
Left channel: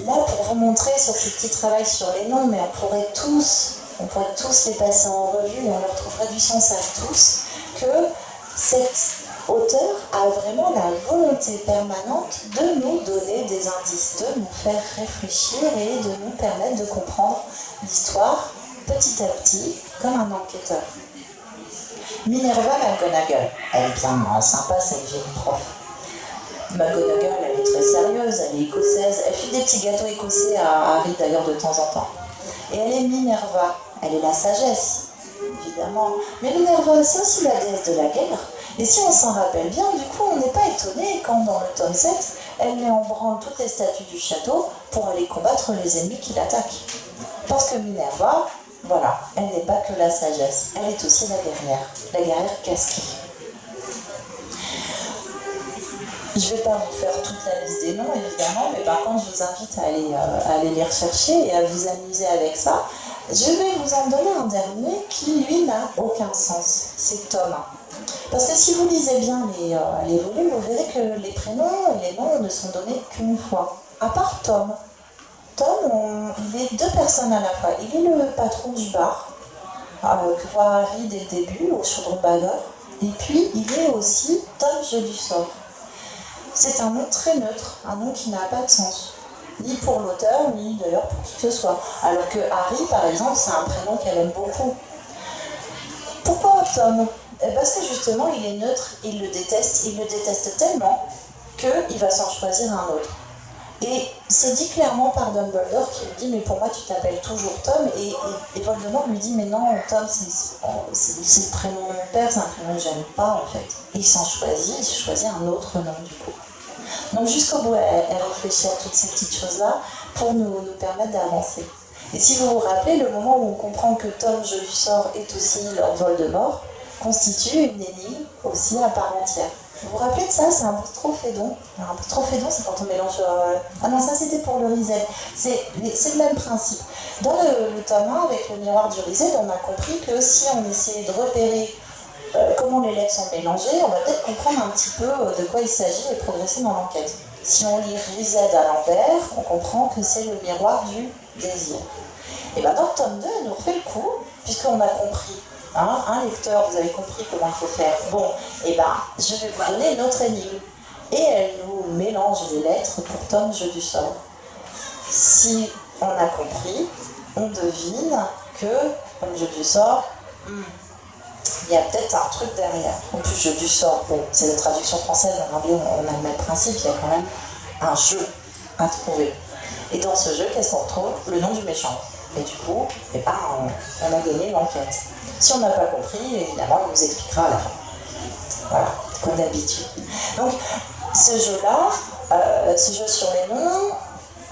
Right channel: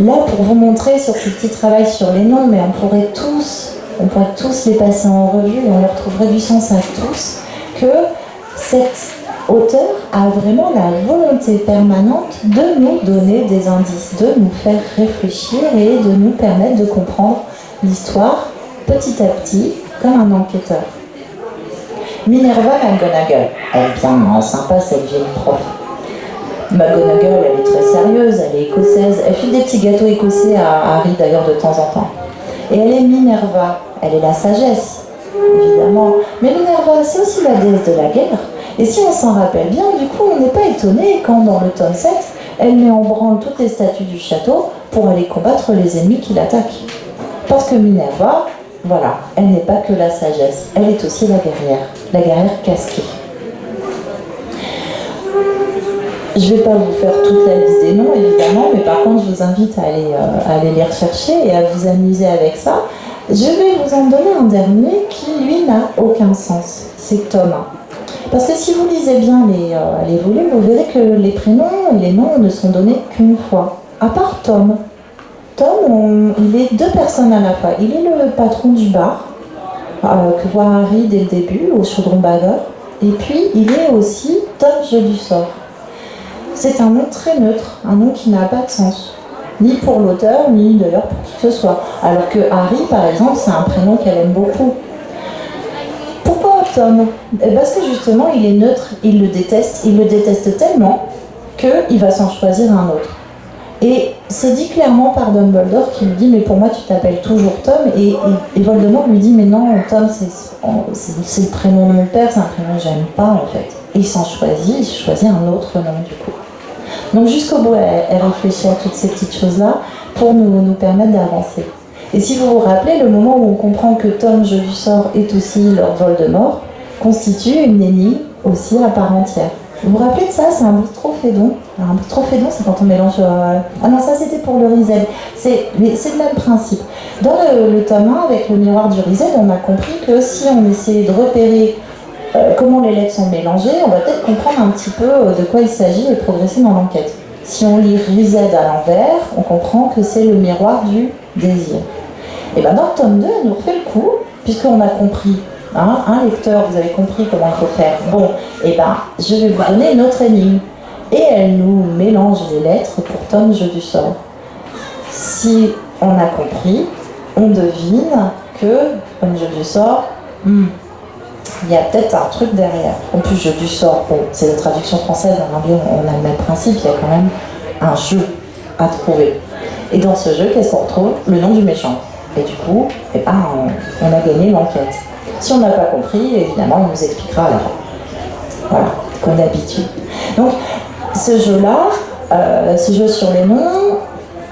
Là, pour vous montrer sur ce petit travail sur les noms, mais on pourrait tous les passer en revue et on leur trouverait du sens à tous, que cette auteur a vraiment la volonté permanente de nous donner des indices, de nous faire réfléchir et de nous permettre de comprendre l'histoire petit à petit, comme un enquêteur. Minerva McGonagall, elle est bien sympa cette vieille prof. McGonagall, elle est très sérieuse, elle est écossaise, elle file des petits gâteaux écossais à Harry d'ailleurs de temps en temps. Et elle est Minerva, elle est la sagesse, évidemment. Mais Minerva, c'est aussi la déesse de la guerre. Et si on s'en rappelle bien, du coup, on n'est pas étonné quand, dans le tome 7, elle met en branle toutes les statues du château pour aller combattre les ennemis qui l'attaquent. Parce que Minerva, voilà, elle n'est pas que la sagesse, elle est aussi la guerrière casquée. Je ne vais pas vous faire toute la liste des noms, évidemment, mais par contre, je vous invite à aller les rechercher et à vous amuser avec ça. Je vais vous en donner un dernier qui, lui, n'a aucun sens. C'est Tom. Parce que si vous lisez bien les volumes, vous verrez que les prénoms et les noms ne sont donnés qu'une fois. À part Tom. Tom, il est deux personnes à la fois. Il est le patron du bar, que voit Harry dès le début, au chaudron bagueur. Et puis, il est aussi Tom Jeu du sort. C'est un nom très neutre, un nom qui n'a pas de sens. Ni pour l'auteur, ni d'ailleurs pour qui que ce soit. Alors que Harry, par exemple, c'est un prénom qu'elle aime beaucoup. Pourquoi Tom? Parce que justement, il est neutre, il le déteste tellement qu'il va s'en choisir un autre. Et c'est dit clairement par Dumbledore qui lui dit « mais pour moi tu t'appelles toujours Tom » et Voldemort lui dit « mais non, Tom c'est le prénom de mon père, c'est un prénom que j'aime pas en fait ». Et il choisit un autre nom du coup. Donc jusqu'au bout, elle réfléchit à toutes ces petites choses-là pour nous permettre d'avancer. Et si vous vous rappelez, le moment où on comprend que Tom Jeu du sort est aussi Lord Voldemort constitue une énigme aussi à part entière. Vous vous rappelez de ça? C'est un boustrophédon. Un boustrophédon, c'est quand on mélange... Ah non, ça c'était pour le Rizel. Mais c'est le même principe. Dans le tome 1, avec le miroir du Rizel, on a compris que si on essayait de repérer comment les lettres sont mélangées, on va peut-être comprendre un petit peu de quoi il s'agit et progresser dans l'enquête. Si on lit Rised à l'envers, on comprend que c'est le miroir du désir. Et bien dans le tome 2, elle nous refait le coup, puisqu'on a compris, un lecteur, vous avez compris comment il faut faire. Bon, et ben je vais vous donner une autre énigme. Et elle nous mélange les lettres pour tome jeu du sort. Si on a compris, on devine que, comme jeu du sort, il y a peut-être un truc derrière. En plus, jeu du sort, bon, c'est la traduction française, en anglais on a le même principe, il y a quand même un jeu à trouver. Et dans ce jeu, qu'est-ce qu'on retrouve? Le nom du méchant. Et du coup, on a gagné l'enquête. Si on n'a pas compris, évidemment, il nous expliquera à la fin. Voilà, comme d'habitude. Donc, ce jeu-là, ce jeu sur les noms,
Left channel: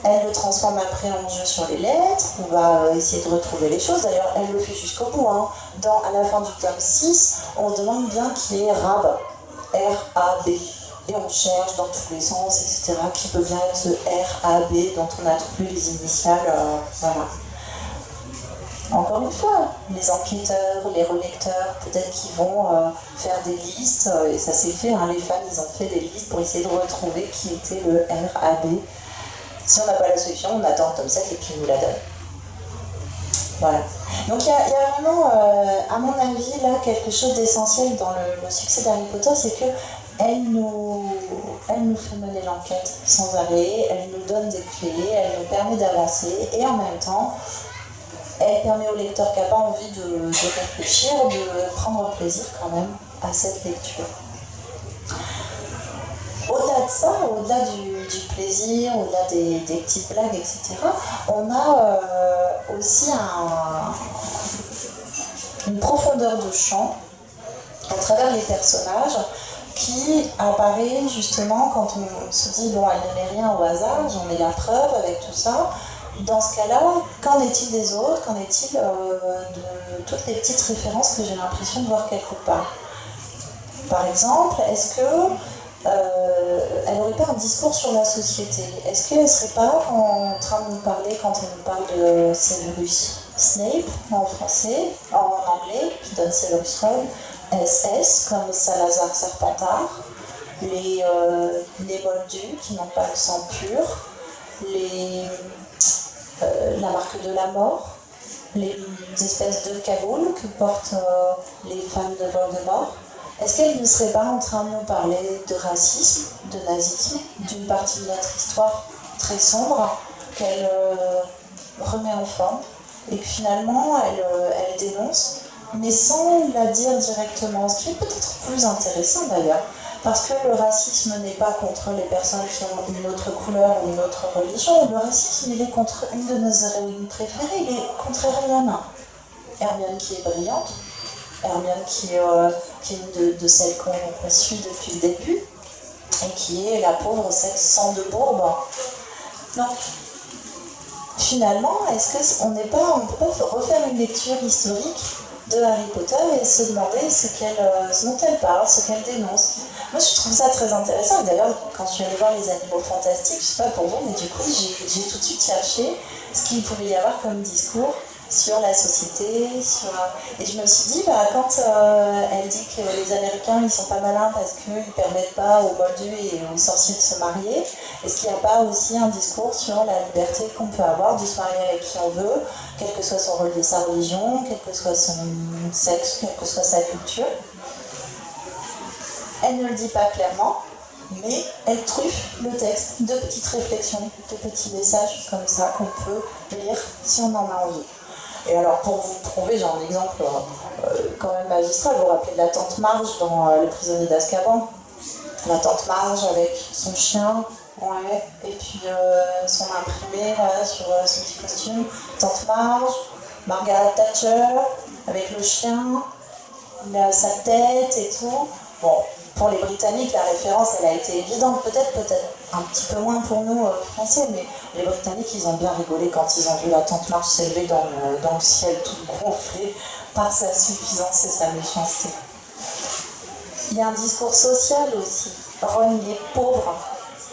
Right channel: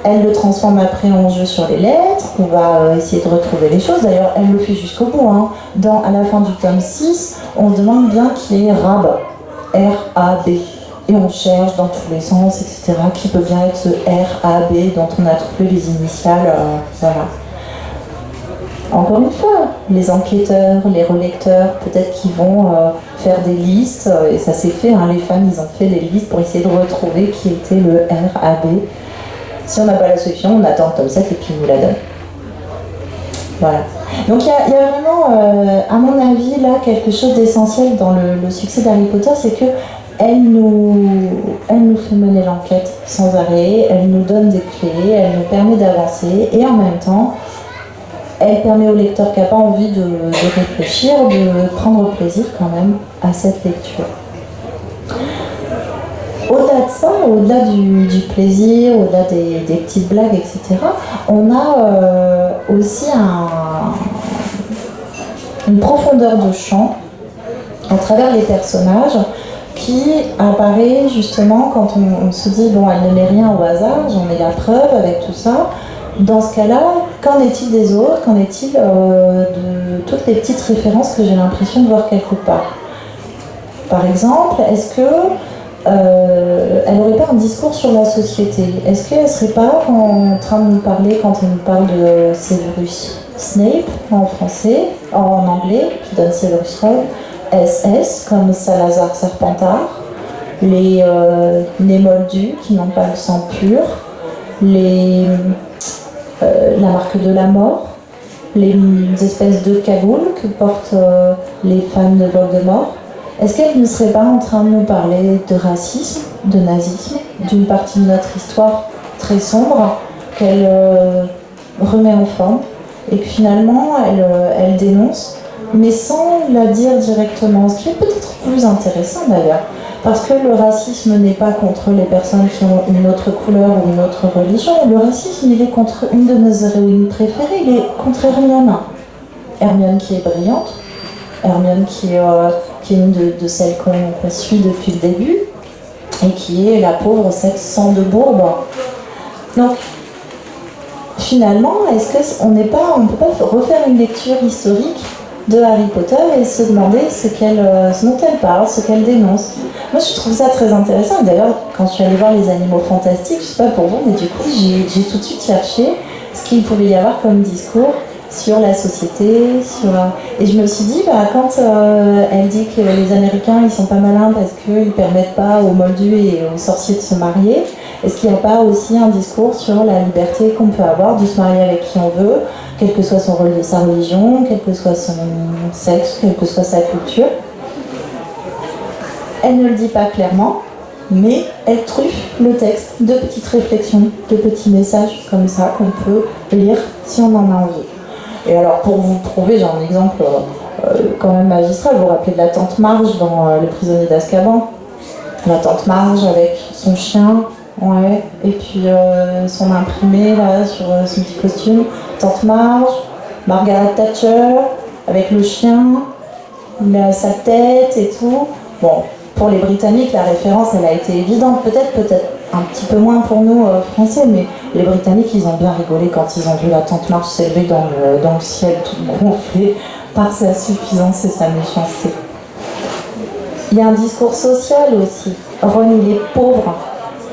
elle le transforme après en jeu sur les lettres, on va essayer de retrouver les choses, d'ailleurs elle le fait jusqu'au bout. À la fin du tome 6, on se demande bien qui est Rab, R-A-B, et on cherche dans tous les sens, etc., qui peut bien être ce R-A-B dont on a trouvé les initiales, voilà. Encore une fois, les enquêteurs, les relecteurs, peut-être qu'ils vont faire des listes, et ça s'est fait, les fans ils ont fait des listes pour essayer de retrouver qui était le R-A-B. Si on n'a pas la solution, on attend le tome 7 et puis il nous la donne. Voilà. Donc il y a vraiment, à mon avis, là, quelque chose d'essentiel dans le succès d'Harry Potter, c'est que elle nous fait mener l'enquête sans arrêt, elle nous donne des clés, elle nous permet d'avancer, et en même temps, elle permet au lecteur qui n'a pas envie de réfléchir, de prendre plaisir quand même à cette lecture. Au-delà de ça, au-delà du plaisir, au-delà des petites blagues, etc., on a aussi une profondeur de champ à travers les personnages qui apparaît justement quand on se dit « bon, elle ne met rien au hasard, j'en ai la preuve avec tout ça ». Dans ce cas-là, qu'en est-il des autres? Qu'en est-il de toutes les petites références que j'ai l'impression de voir quelque part? Par exemple, est-ce que elle n'aurait pas un discours sur la société? Est-ce qu'elle ne serait pas en train de nous parler, quand elle nous parle de Severus Snape en français, en anglais, qui donne Severus Rogue, SS comme Salazar Serpentard, les Moldus qui n'ont pas le sang pur, la marque de la mort, les espèces de cagoules que portent les fans de Voldemort? Est-ce qu'elle ne serait pas en train de nous parler de racisme, de nazisme, d'une partie de notre histoire très sombre qu'elle remet en forme et que finalement elle dénonce, mais sans la dire directement, ce qui est peut-être plus intéressant d'ailleurs, parce que le racisme n'est pas contre les personnes qui ont une autre couleur ou une autre religion, le racisme il est contre une de nos héroïnes préférées, il est contre Hermione. Hermione qui est brillante, Hermione qui est une de celles qu'on suit depuis le début, et qui est la pauvre cette sang de bourbe. Donc, finalement, est-ce qu'on ne peut pas refaire une lecture historique de Harry Potter et se demander ce dont elle parle, ce qu'elle dénonce? Moi, je trouve ça très intéressant. D'ailleurs, quand je suis allée voir les Animaux Fantastiques, je ne sais pas pour vous, mais du coup, j'ai tout de suite cherché ce qu'il pouvait y avoir comme discours sur la société, et je me suis dit, quand elle dit que les Américains ils sont pas malins parce qu'ils permettent pas aux Moldus et aux sorciers de se marier, est-ce qu'il n'y a pas aussi un discours sur la liberté qu'on peut avoir de se marier avec qui on veut, quelle que soit sa religion, quel que soit son sexe, quelle que soit sa culture? Elle ne le dit pas clairement, mais elle truffe le texte de petites réflexions, de petits messages comme ça qu'on peut lire si on en a envie. Et alors, pour vous prouver, j'ai un exemple quand même magistral. Vous vous rappelez de la tante Marge dans Le prisonnier d'Azkaban? La tante Marge avec son chien, ouais, et puis son imprimé là sur son petit costume. Tante Marge, Margaret Thatcher avec le chien, sa tête et tout. Bon, pour les Britanniques, la référence, elle a été évidente, peut-être un petit peu moins pour nous Français, mais les Britanniques, ils ont bien rigolé quand ils ont vu la tante Marge s'élever dans le ciel, toute gonflée par sa suffisance et sa méchanceté. Il y a un discours social aussi. Ron, il est pauvre,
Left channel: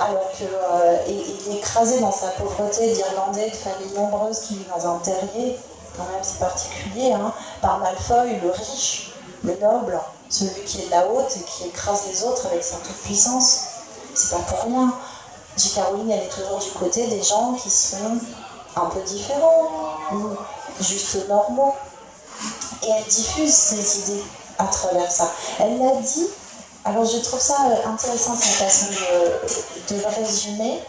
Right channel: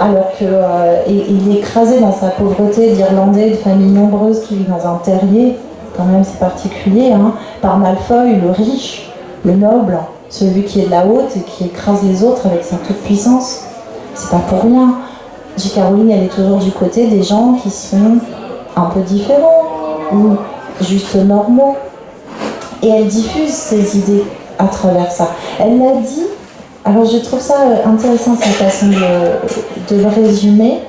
alors qu'il est écrasé dans sa pauvreté d'Irlandais, de famille nombreuse qui vit dans un terrier, quand même c'est particulier, par Malfoy, le riche, le noble, celui qui est de la haute et qui écrase les autres avec sa toute-puissance. C'est pas pour rien. J.K. Rowling, elle est toujours du côté des gens qui sont un peu différents ou juste normaux. Et elle diffuse ses idées à travers ça. Elle l'a dit, alors je trouve ça intéressant cette façon de le résumer.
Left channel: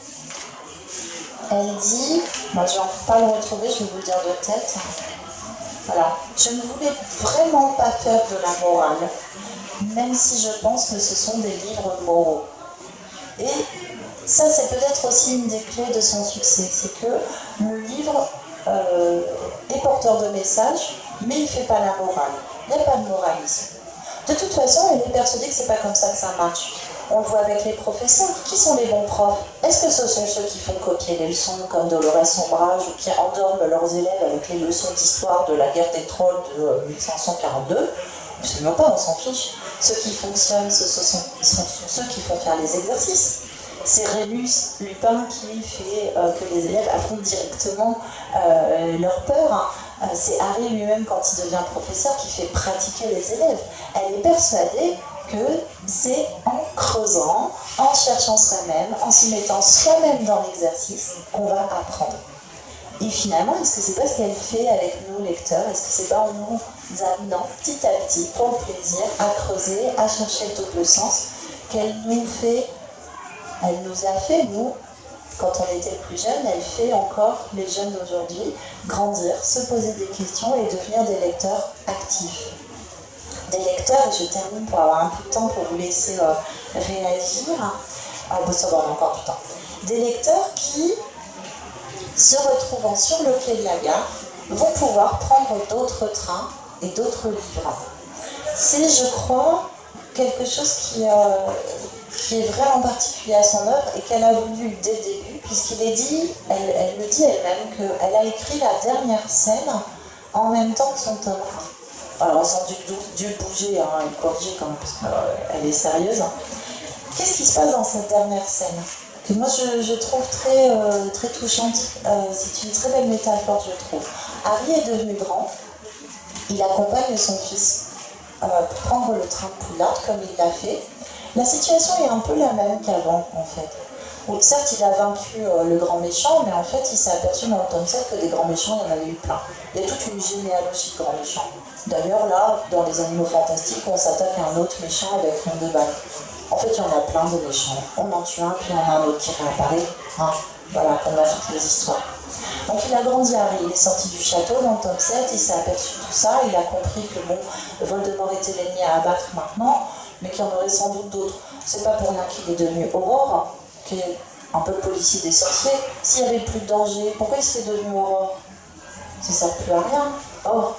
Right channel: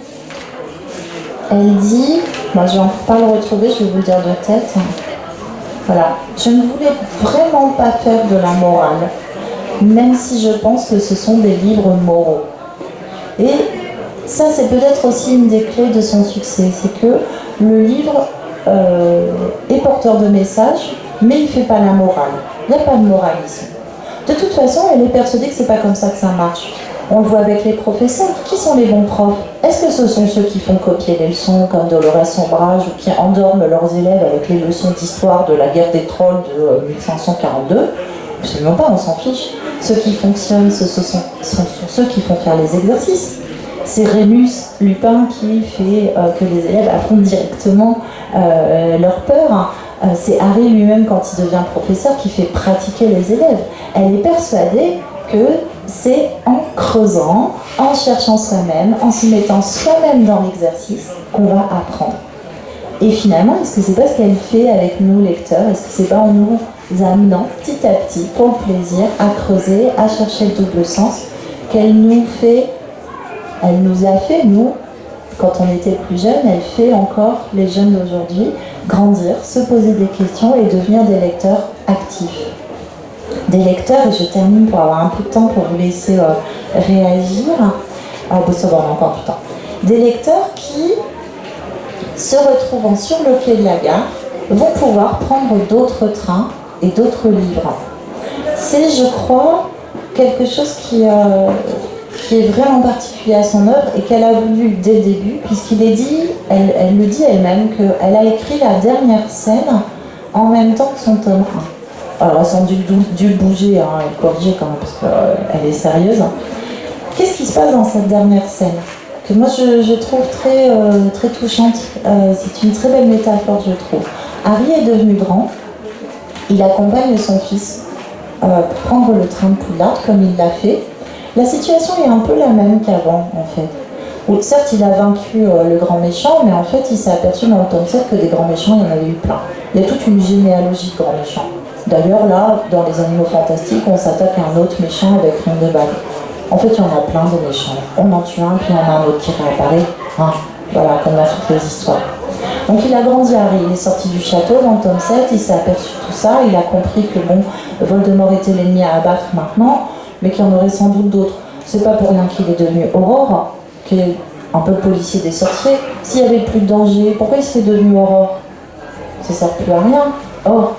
Elle dit, moi je vais pas le retrouver, je vais vous le dire de tête. Voilà, je ne voulais vraiment pas faire de la morale, même si je pense que ce sont des livres moraux. Et ça, c'est peut-être aussi une des clés de son succès, c'est que le livre est porteur de messages, mais il ne fait pas la morale. Il n'y a pas de moralisme. De toute façon, elle est persuadée que c'est pas comme ça que ça marche. On le voit avec les professeurs. Qui sont les bons profs? Est-ce que ce sont ceux qui font copier les leçons comme Dolores Sombrage ou qui endorment leurs élèves avec les leçons d'histoire de la guerre des trolls de 1542? Absolument pas, on s'en fiche. Ceux qui fonctionnent, ce sont ceux qui font faire les exercices. C'est Rémus Lupin qui fait que les élèves affrontent directement leur peur. C'est Harry lui-même, quand il devient professeur, qui fait pratiquer les élèves. Elle est persuadée que c'est en creusant, en cherchant soi-même, en se mettant soi-même dans l'exercice qu'on va apprendre. Et finalement, est-ce que c'est pas ce qu'elle fait avec nous, lecteurs? Est-ce que c'est pas en nous amenant petit à petit, pour le plaisir, à creuser, à chercher le double sens, qu'elle nous a fait, nous, quand on était plus jeunes, elle fait encore les jeunes d'aujourd'hui grandir, se poser des questions et devenir des lecteurs actifs. Des lecteurs, et je termine pour avoir un peu de temps pour vous laisser réagir. Ça va, on a encore du temps. Des lecteurs qui, se retrouvant sur le quai de la gare, vont pouvoir prendre d'autres trains et d'autres livres. C'est, je crois, quelque chose qui est vraiment particulier à son œuvre et qu'elle a voulu dès le début, puisqu'il est dit, elle le dit elle-même, qu'elle a écrit la dernière scène en même temps que son tome 1. Alors, elles ont dû bouger et corriger quand même, parce qu'elle est sérieuse. Qu'est-ce qui se passe dans cette dernière scène que moi je trouve très, très touchante. C'est une très belle métaphore, je trouve. Harry est devenu grand, il accompagne son fils pour prendre le train de Poudlard comme il l'a fait. La situation est un peu la même qu'avant, en fait. Où, certes, il a vaincu le grand méchant, mais en fait, il s'est aperçu dans le tome 7 que des grands méchants, il y en avait eu plein. Il y a toute une généalogie de grands méchants. D'ailleurs, là, dans les Animaux Fantastiques, on s'attaque à un autre méchant avec Rondeval. En fait, il y en a plein de méchants. On en tue un, puis il y en a un autre qui réapparaît. Voilà, comme dans toutes les histoires. Donc il a grandi, Harry, il est sorti du château dans le tome 7, il s'est aperçu de tout ça, il a compris que bon, Voldemort était l'ennemi à abattre maintenant, mais qu'il y en aurait sans doute d'autres. C'est pas pour rien qu'il est devenu Aurore, qui est un peu le policier des sorciers. S'il n'y avait plus de danger, pourquoi il serait devenu Aurore? Ça ne sert plus à rien. Or,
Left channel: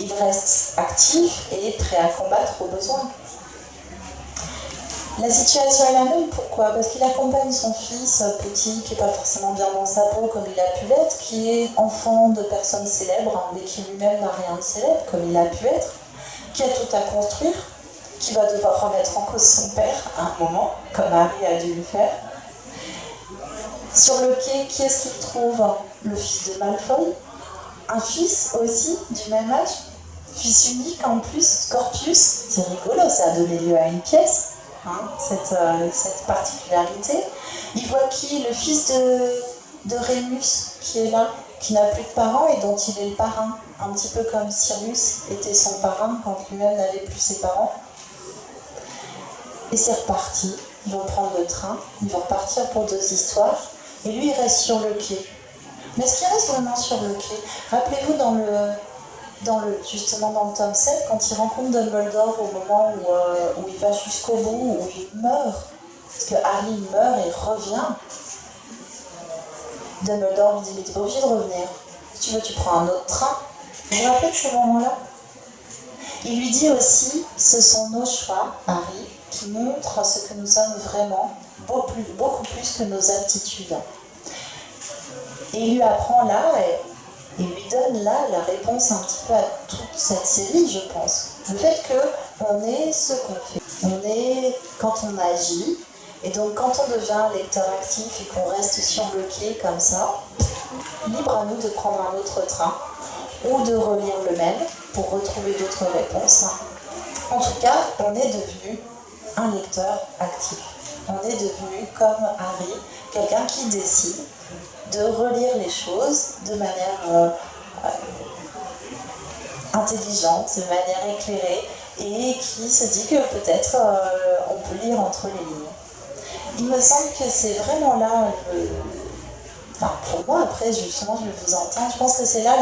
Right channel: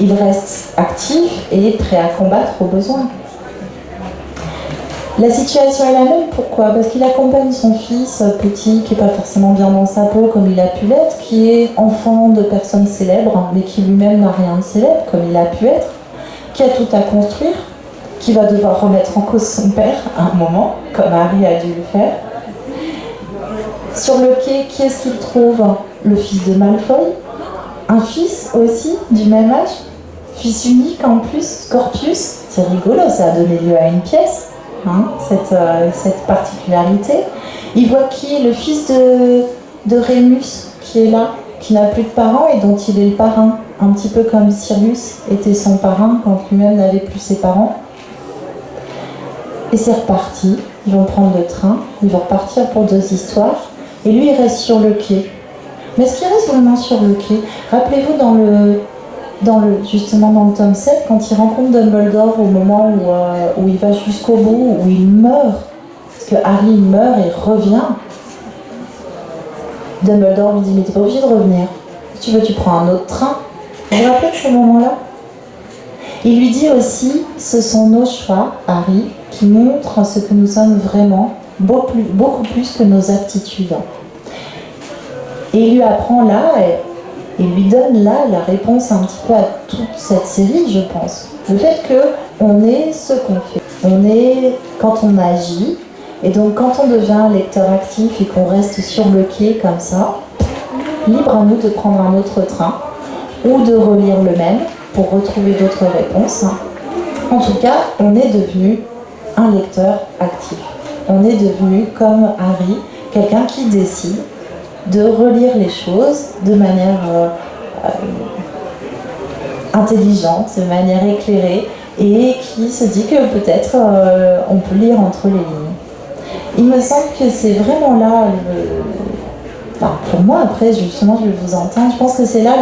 il reste actif et prêt à combattre au besoin. La situation est la même, pourquoi? Parce qu'il accompagne son fils petit, qui n'est pas forcément bien dans sa peau comme il a pu l'être, qui est enfant de personnes célèbres, mais qui lui-même n'a rien de célèbre comme il a pu être, qui a tout à construire, qui va devoir remettre en cause son père à un moment, comme Harry a dû le faire. Sur le quai, qui est-ce qu'il trouve? Le fils de Malfoy, un fils aussi du même âge, fils unique en plus, Scorpius, c'est rigolo, ça a donné lieu à une pièce. Cette particularité. Il voit qui? Le fils de Rémus qui est là, qui n'a plus de parents et dont il est le parrain, un petit peu comme Sirius était son parrain quand lui-même n'avait plus ses parents. Et c'est reparti, ils vont prendre le train, ils vont repartir pour 2 histoires, et lui il reste sur le quai. Mais est-ce qu'il reste vraiment sur le quai? Rappelez-vous justement dans le tome 7, quand il rencontre Dumbledore au moment où il va jusqu'au bout, où il meurt, parce que Harry meurt et revient, Dumbledore lui dit « Mais t'es pas obligé de revenir, si tu veux tu prends un autre train ». Vous vous rappelez de ce moment-là? Il lui dit aussi « Ce sont nos choix, Harry, qui montrent ce que nous sommes vraiment, beaucoup plus que nos aptitudes ». Et il lui apprend là, il lui donne là la réponse un petit peu à toute cette série, je pense. Le fait qu'on est ce qu'on fait. On est quand on agit. Et donc quand on devient un lecteur actif et qu'on reste sur le quai comme ça, libre à nous de prendre un autre train ou de relire le même pour retrouver d'autres réponses. En tout cas, on est devenu un lecteur actif. On est devenu comme Harry, quelqu'un qui décide de relire les choses de manière intelligente, de manière éclairée, et qui se dit que peut-être on peut lire entre les lignes. Il me semble que c'est vraiment là, enfin pour moi après justement je vais vous entendre, je pense que c'est là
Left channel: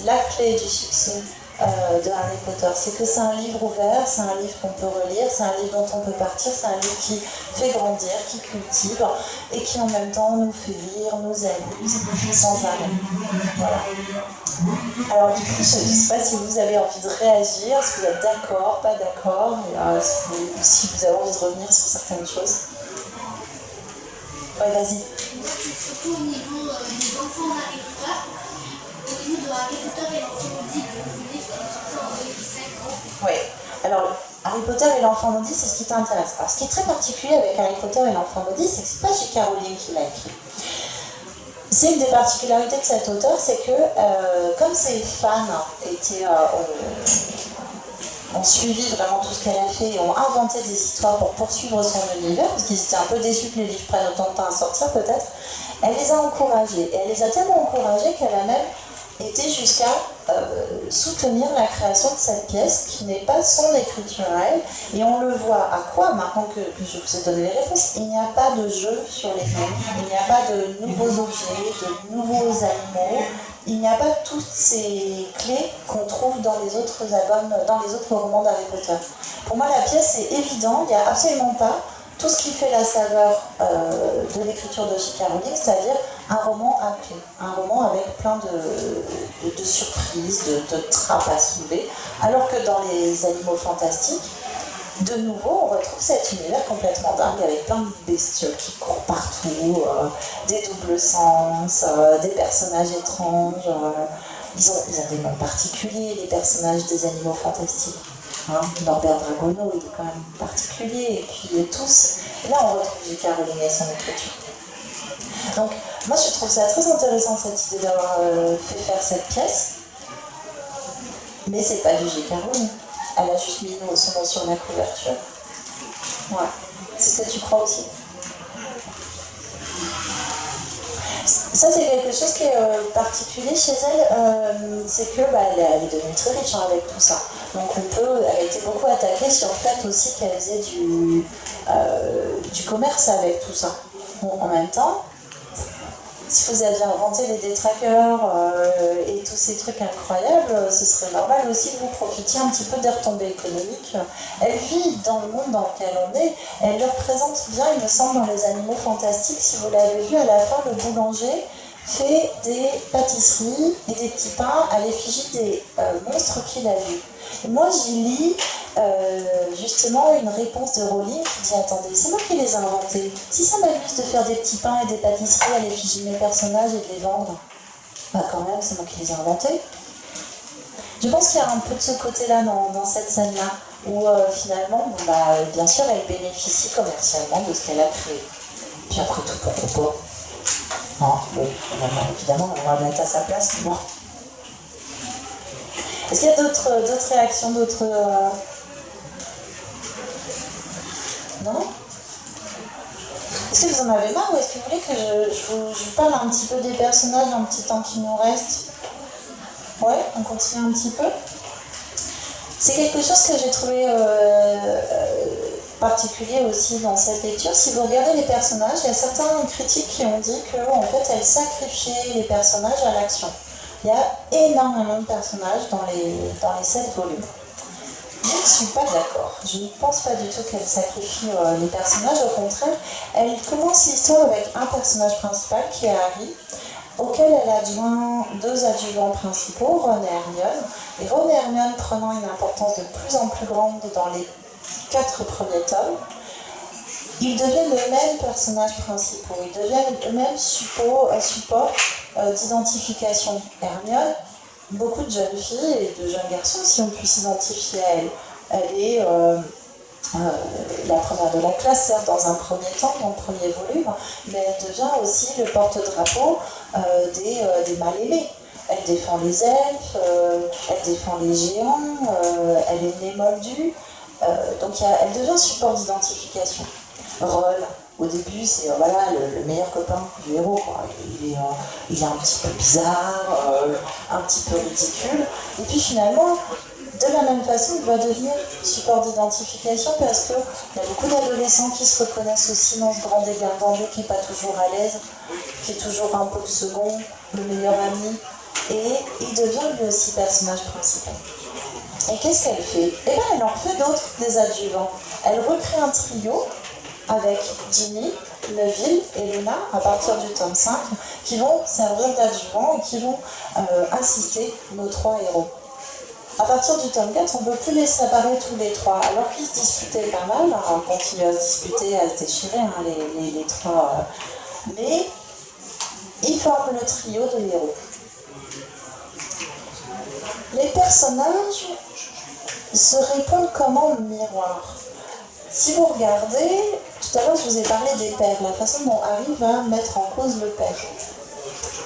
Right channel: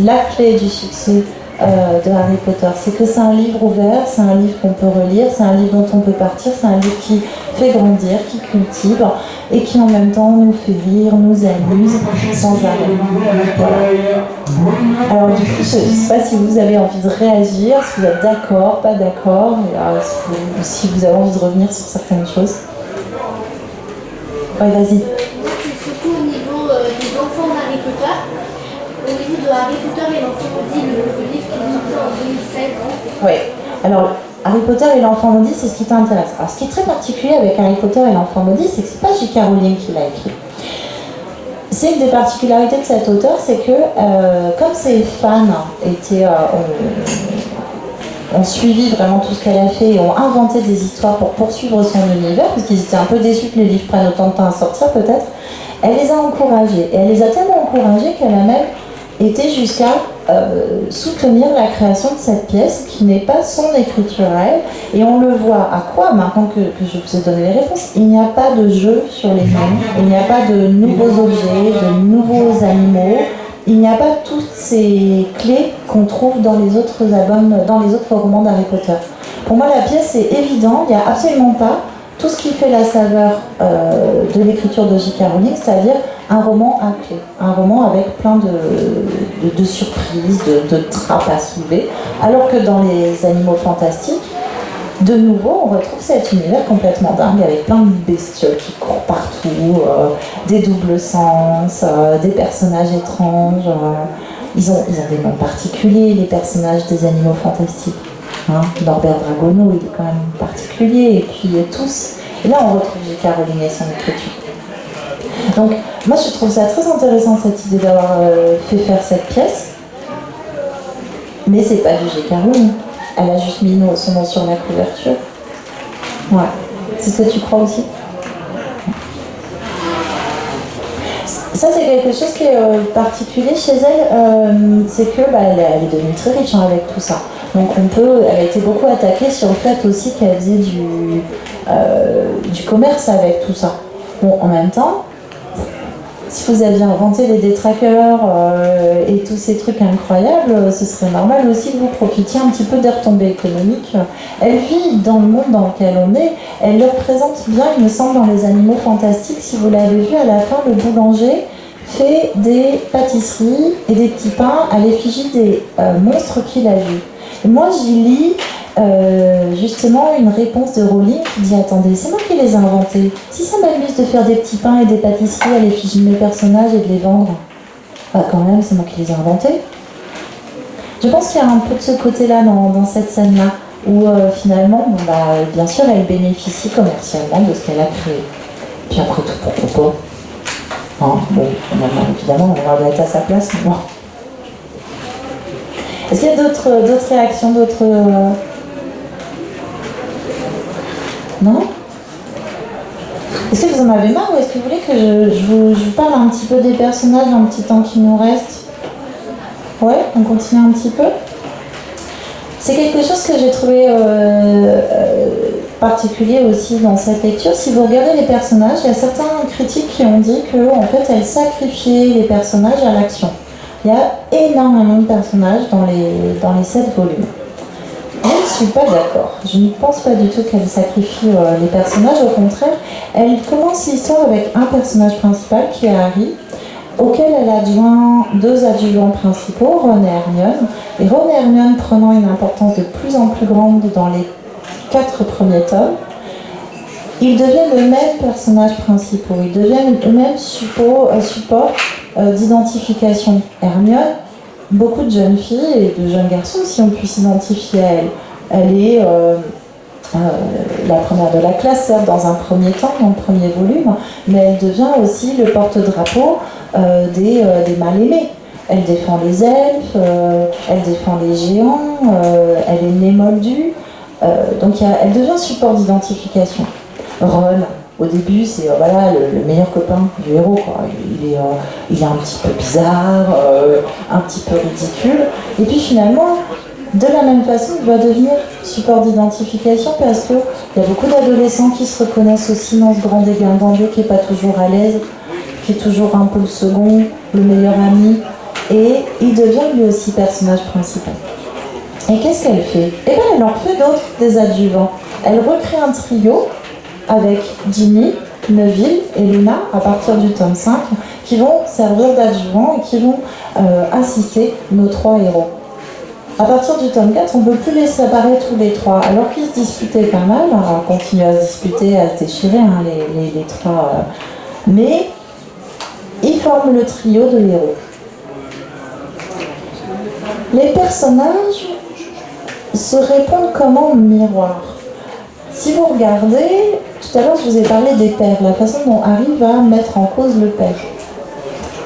la clé du succès de Harry Potter. C'est que c'est un livre ouvert, c'est un livre qu'on peut relire, c'est un livre dont on peut partir, c'est un livre qui fait grandir, qui cultive et qui en même temps nous fait rire, nous amuse sans arrêt. Voilà. Alors du coup, je ne sais pas si vous avez envie de réagir, si vous êtes d'accord, pas d'accord, si vous avez envie de revenir sur certaines choses. Oui, vas-y. Surtout au niveau des enfants d'Harry Potter, au niveau de Harry Potter et l'enfant maudit, le livre qui est sorti en 2016. Oui, alors Harry Potter et l'enfant maudit, c'est ce qui t'intéresse. Alors ce qui est très particulier avec Harry Potter et l'enfant maudit, c'est que c'est pas J.K. Rowling qui l'a écrit. C'est une des particularités de cet auteur, c'est que comme ses fans ont suivi vraiment tout ce qu'elle a fait et ont inventé des histoires pour poursuivre son univers, parce qu'ils étaient un peu déçus que les livres prennent autant de temps à sortir peut-être, elle les a encouragés. Et elle les a tellement encouragés qu'elle a même été jusqu'à soutenir la création de cette pièce qui n'est pas son écriture à elle. Et on le voit à quoi, maintenant que je vous ai donné les réponses, il n'y a pas de jeu sur les mêmes, il n'y a pas de nouveaux objets, de nouveaux animaux, il n'y a pas toutes ces clés qu'on trouve dans les autres albums, dans les autres romans d'Harry Potter. Pour moi, la pièce est évidente, il n'y a absolument pas tout ce qui fait la saveur de l'écriture de J.K. Rowling, c'est-à-dire un roman à clé, un roman avec plein de surprises, de trappes à soulever, alors que dans les Animaux Fantastiques, de nouveau, on retrouve cet univers complètement dingue avec plein de bestioles qui courent partout, des doubles sens, des personnages étranges. Ils ont des noms particuliers, les personnages des Animaux Fantastiques. Hein, Norbert Dragono, il est quand même particulier, et puis tous. Et là, on retrouve J.K. Rowling et son écriture. Donc, moi, je trouve ça très intéressant, cette idée d'avoir fait faire cette pièce. Mais c'est pas du J.K. Rowling. Elle a juste mis son nom sur la couverture. Ouais. C'est ce que tu crois aussi? Ça, c'est quelque chose qui est particulier chez elle. C'est que elle est devenue très riche avec tout ça. Donc elle a été beaucoup attaquée sur le fait aussi qu'elle faisait du commerce avec tout ça. Bon, en même temps, si vous aviez inventé les détraqueurs et tous ces trucs incroyables, ce serait normal aussi que vous profitiez un petit peu des retombées économiques. Elle vit dans le monde dans lequel on est, elle le représente bien, il me semble, dans les Animaux Fantastiques. Si vous l'avez vu, à la fin, le boulanger fait des pâtisseries et des petits pains à l'effigie des monstres qu'il a vus. Et moi, j'y lis justement une réponse de Rowling qui dit « Attendez, c'est moi qui les ai inventés. Si ça m'amuse de faire des petits pains et des pâtisseries à l'effigie de mes personnages et de les vendre, quand même, c'est moi qui les ai inventés. » Je pense qu'il y a un peu de ce côté-là dans cette scène-là, où finalement, bien sûr, elle bénéficie commercialement de ce qu'elle a créé. Puis après tout, pourquoi pas? Bon, évidemment, on va être à sa place, mais bon. Est-ce qu'il y a d'autres réactions, d'autres... Non? Est-ce que vous en avez marre ou est-ce que vous voulez que je vous parle un petit peu des personnages dans le petit temps qui nous reste? Ouais, on continue un petit peu. C'est quelque chose que j'ai trouvé particulier aussi dans cette lecture. Si vous regardez les personnages, il y a certains critiques qui ont dit qu'en fait, elle sacrifiait les personnages à l'action. Il y a énormément de personnages dans les 7 volumes. Je ne suis pas d'accord. Je ne pense pas du tout qu'elle sacrifie les personnages. Au contraire, elle commence l'histoire avec un personnage principal qui est Harry, auquel elle adjoint 2 adjuvants principaux, Ron et Hermione. Et Ron et Hermione prenant une importance de plus en plus grande dans les 4 premiers tomes, ils deviennent eux-mêmes personnages principaux, ils deviennent eux-mêmes support d'identification. Hermione, beaucoup de jeunes filles et de jeunes garçons, si on puisse s'identifier à elle. Elle est la première de la classe, certes, dans un premier temps, dans le premier volume, mais elle devient aussi le porte-drapeau des mal-aimés. Elle défend les elfes, elle défend les géants, elle est née moldue, donc elle devient support d'identification. Ron, Au début, c'est voilà, le meilleur copain du héros, quoi. Il est un petit peu bizarre, un petit peu ridicule. Et puis finalement, de la même façon, il va devenir support d'identification parce qu'il y a beaucoup d'adolescents qui se reconnaissent aussi dans ce grand dégingandé qui n'est pas toujours à l'aise, qui est toujours un peu le second, le meilleur ami. Et il devient lui aussi personnage principal. Et qu'est-ce qu'elle fait? Eh bien, elle en refait d'autres, des adjuvants. Elle recrée un trio avec Ginny, Neville et Luna à partir du tome 5 qui vont servir d'adjuvants et qui vont assister nos 3 héros. À partir du tome 4, on ne peut plus les séparer tous les 3, alors qu'ils se disputaient pas mal, on continue à se disputer, à se déchirer, hein, les 3, mais ils forment le trio de héros. Les personnages se répondent comme en miroir. Si vous regardez, tout à l'heure je vous ai parlé des pères, la façon dont Harry va mettre en cause le père.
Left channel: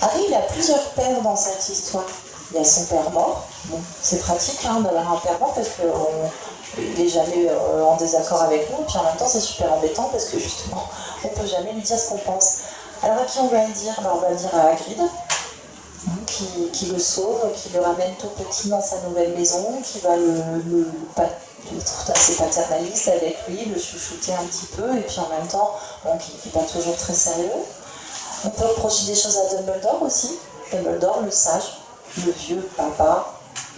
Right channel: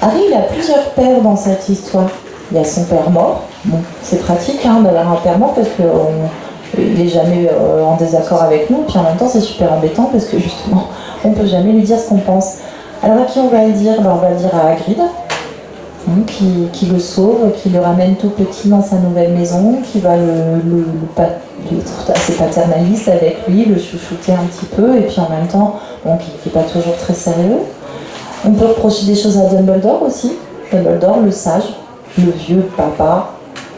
Harry, il a plusieurs pères dans cette histoire. Il y a son père mort. Bon, c'est pratique d'avoir un père mort parce qu'il n'est jamais en désaccord avec nous. Puis en même temps, c'est super embêtant parce que justement, on ne peut jamais lui dire ce qu'on pense. Alors à qui on va le dire? On va le dire à Hagrid, qui le sauve, qui le ramène tout petit dans sa nouvelle maison, qui va être assez paternaliste avec lui, le chouchouter un petit peu, et puis en même temps, qui n'est pas toujours très sérieux. On peut reprocher des choses à Dumbledore aussi. Dumbledore, le sage, le vieux papa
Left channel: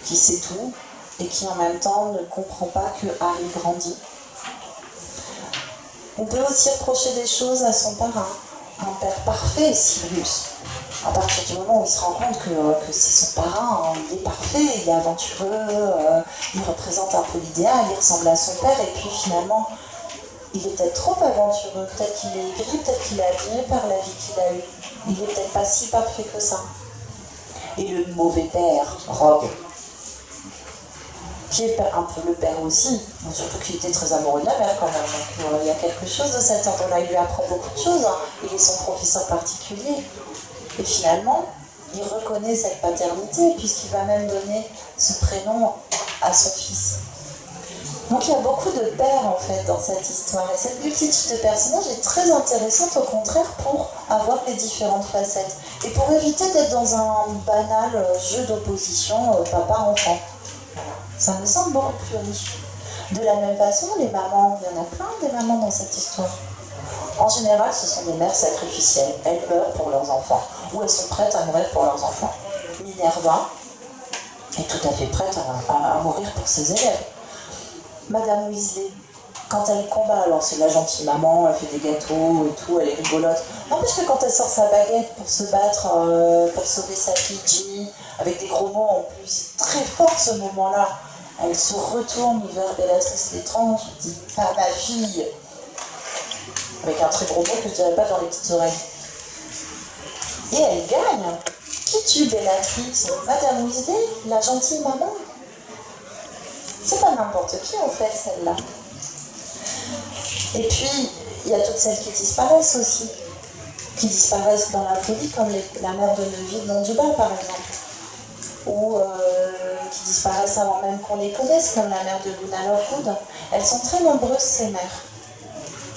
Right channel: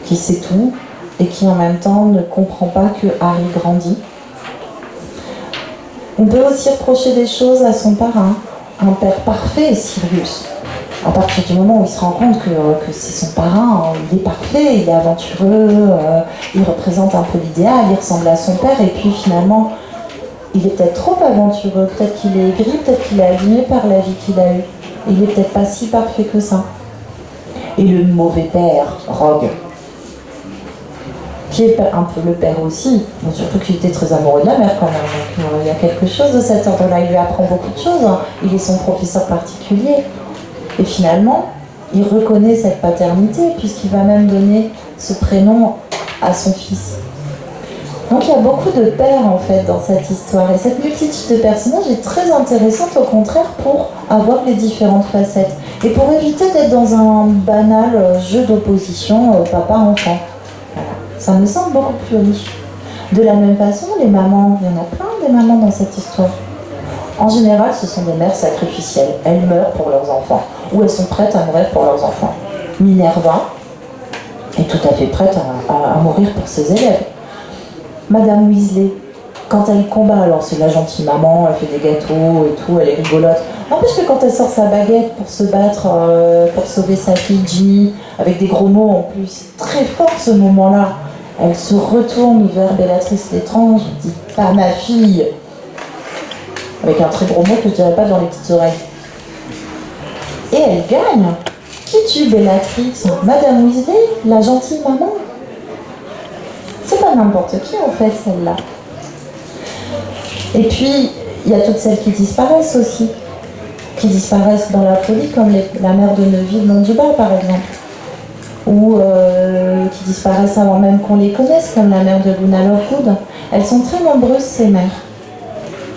qui sait tout et qui en même temps ne comprend pas que Harry grandit. On peut aussi reprocher des choses à son parrain, un père parfait, Sirius. À partir du moment où il se rend compte que c'est son parrain, il est parfait, il est aventureux, il représente un peu l'idéal, il ressemble à son père, et puis finalement, il est peut-être trop aventureux, peut-être qu'il est aigri, peut-être qu'il est abîmé par la vie qu'il a eue. Il est peut-être pas si parfait que ça. Et le mauvais père, Rogue, qui est un peu le père aussi, surtout qu'il était très amoureux de la mère quand même, donc il y a quelque chose de cet ordre-là, il lui apprend beaucoup de choses, il est son professeur particulier, et finalement, il reconnaît cette paternité, puisqu'il va même donner ce prénom à son fils. Donc il y a beaucoup de pères en fait dans cette histoire, et cette multitude de personnages est très intéressante au contraire pour avoir les différentes facettes, et pour éviter d'être dans un banal jeu d'opposition papa-enfant. Voilà. Ça me semble beaucoup plus riche. De la même façon, les mamans, il y en a plein des mamans dans cette histoire. En général, ce sont des mères sacrificielles. Elles meurent pour leurs enfants, ou elles sont prêtes à mourir pour leurs enfants. Minerva est tout à fait prête à mourir pour ses élèves. Madame Weasley, quand elle combat, alors c'est la gentille maman, elle fait des gâteaux et tout, elle est rigolote. N'empêche que quand elle sort sa baguette pour se battre, pour sauver sa fille Ginny, avec des gros mots en plus, c'est très fort ce moment-là. Elle se retourne vers Bellatrix Lestrange, elle dit « Pas ma fille !» avec un très gros mot que je dirais pas dans les petites oreilles. Et elle gagne. Qui tue Bellatrix? Madame Weasley, la gentille maman. C'est pas n'importe qui en fait celle-là. Et puis, il y a toutes celles qui disparaissent aussi. Qui disparaissent dans la folie, comme la mère de Neville Londubat par exemple. Ou qui disparaissent avant même qu'on les connaisse, comme la mère de Luna Lovegood. Elles sont très nombreuses ces mères.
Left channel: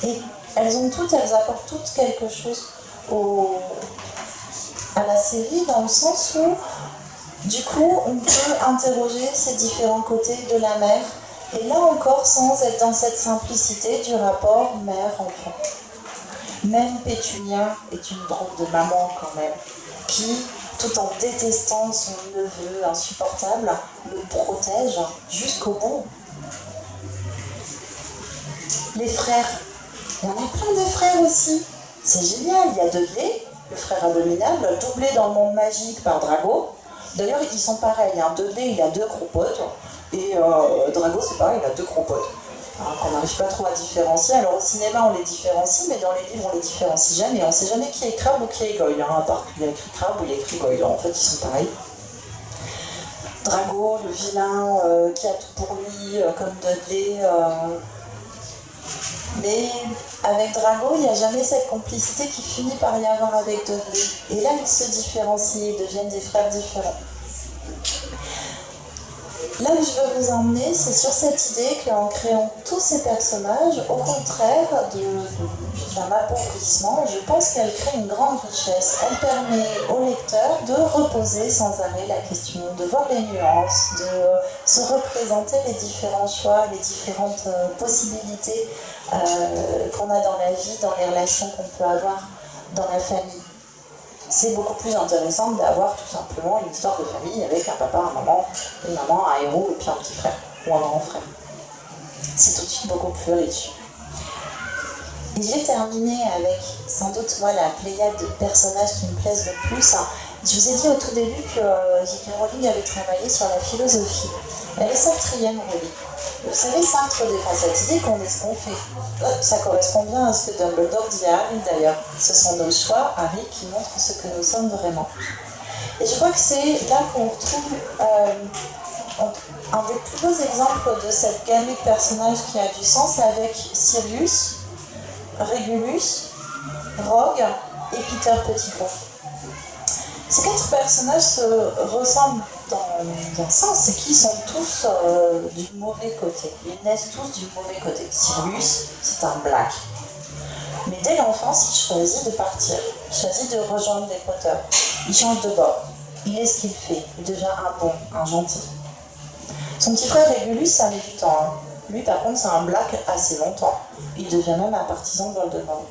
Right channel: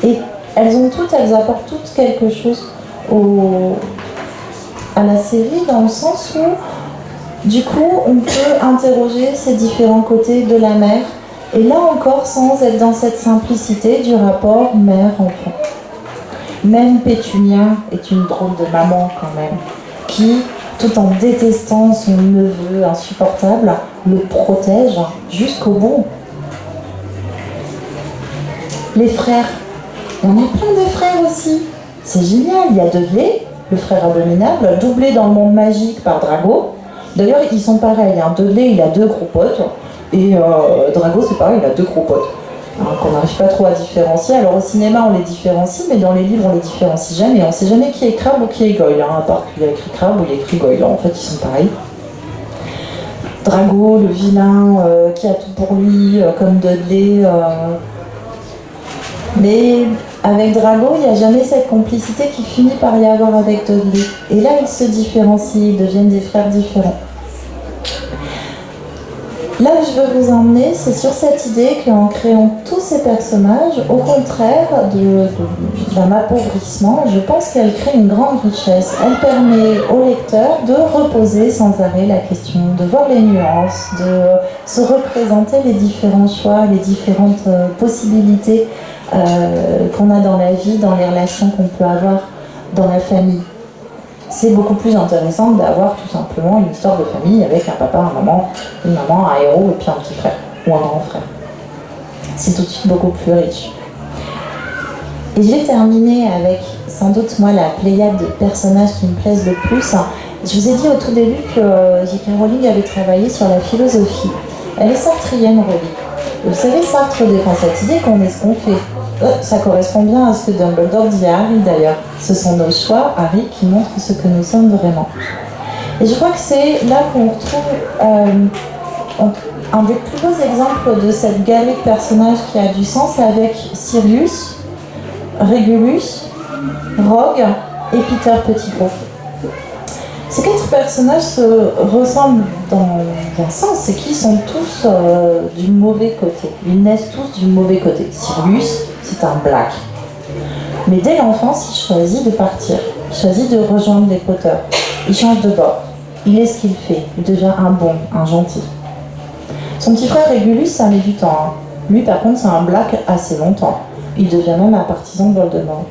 Et elles apportent toutes quelque chose à la série, dans le sens où du coup, on peut interroger ces différents côtés de la mère, et là encore, sans être dans cette simplicité du rapport mère-enfant. Même Pétunia est une drôle de maman quand même, qui, tout en détestant son neveu insupportable, le protège jusqu'au bout. Les frères, il y en a plein de frères aussi. C'est génial, il y a Dudley, le frère abominable, doublé dans le monde magique par Drago. D'ailleurs, ils sont pareils. Dudley, il a 2 gros potes. Et Drago, c'est pareil, il a 2 gros potes. Qu'on n'arrive pas trop à différencier. Alors au cinéma, on les différencie, mais dans les livres, on les différencie jamais. On ne sait jamais qui est Crabbe ou qui est Goyle. À part qu'il a écrit Crabbe ou il a écrit Goyle. En fait, ils sont pareils. Drago, le vilain, qui a tout pour lui, comme Dudley. Mais avec Drago, il n'y a jamais cette complicité qui finit par y avoir avec Dudley. Et là, ils se différencient, ils deviennent des frères différents. Là où je veux vous emmener, c'est sur cette idée qu'en créant tous ces personnages, au contraire d'un appauvrissement, je pense qu'elle crée une grande richesse. Elle permet au lecteur de reposer sans arrêt la question, de voir les nuances, de se représenter les différents choix, les différentes possibilités qu'on a dans la vie, dans les relations qu'on peut avoir dans la famille. C'est beaucoup plus intéressant d'avoir tout simplement une histoire de famille avec un papa, un maman, une maman, un héros et puis un petit frère ou un grand frère. C'est tout de suite beaucoup plus riche. Et je vais terminer avec sans doute moi la pléiade de personnages qui me plaisent le plus. Je vous ai dit au tout début que J.K. Rowling avait travaillé sur la philosophie. Elle est sartrienne, Rowling. Vous savez, Sartre défend cette idée qu'on est ce qu'on fait. Ça correspond bien à ce que Dumbledore dit à Harry d'ailleurs. Ce sont nos choix, Harry, qui montrent ce que nous sommes vraiment. Et je crois que c'est là qu'on retrouve un des plus beaux exemples de cette galerie de personnages qui a du sens avec Sirius, Régulus, Rogue et Peter Pettigrew. Ces 4 personnages se ressemblent dans un sens, c'est qu'ils sont tous du mauvais côté. Ils naissent tous du mauvais côté. Sirius, c'est un black. Mais dès l'enfance, il choisit de partir. Il choisit de rejoindre les Potter. Il change de bord. Il est ce qu'il fait. Il devient un bon, un gentil. Son petit frère Régulus, ça met du temps. Lui, par contre, c'est un black assez longtemps. Il devient même un partisan de Voldemort.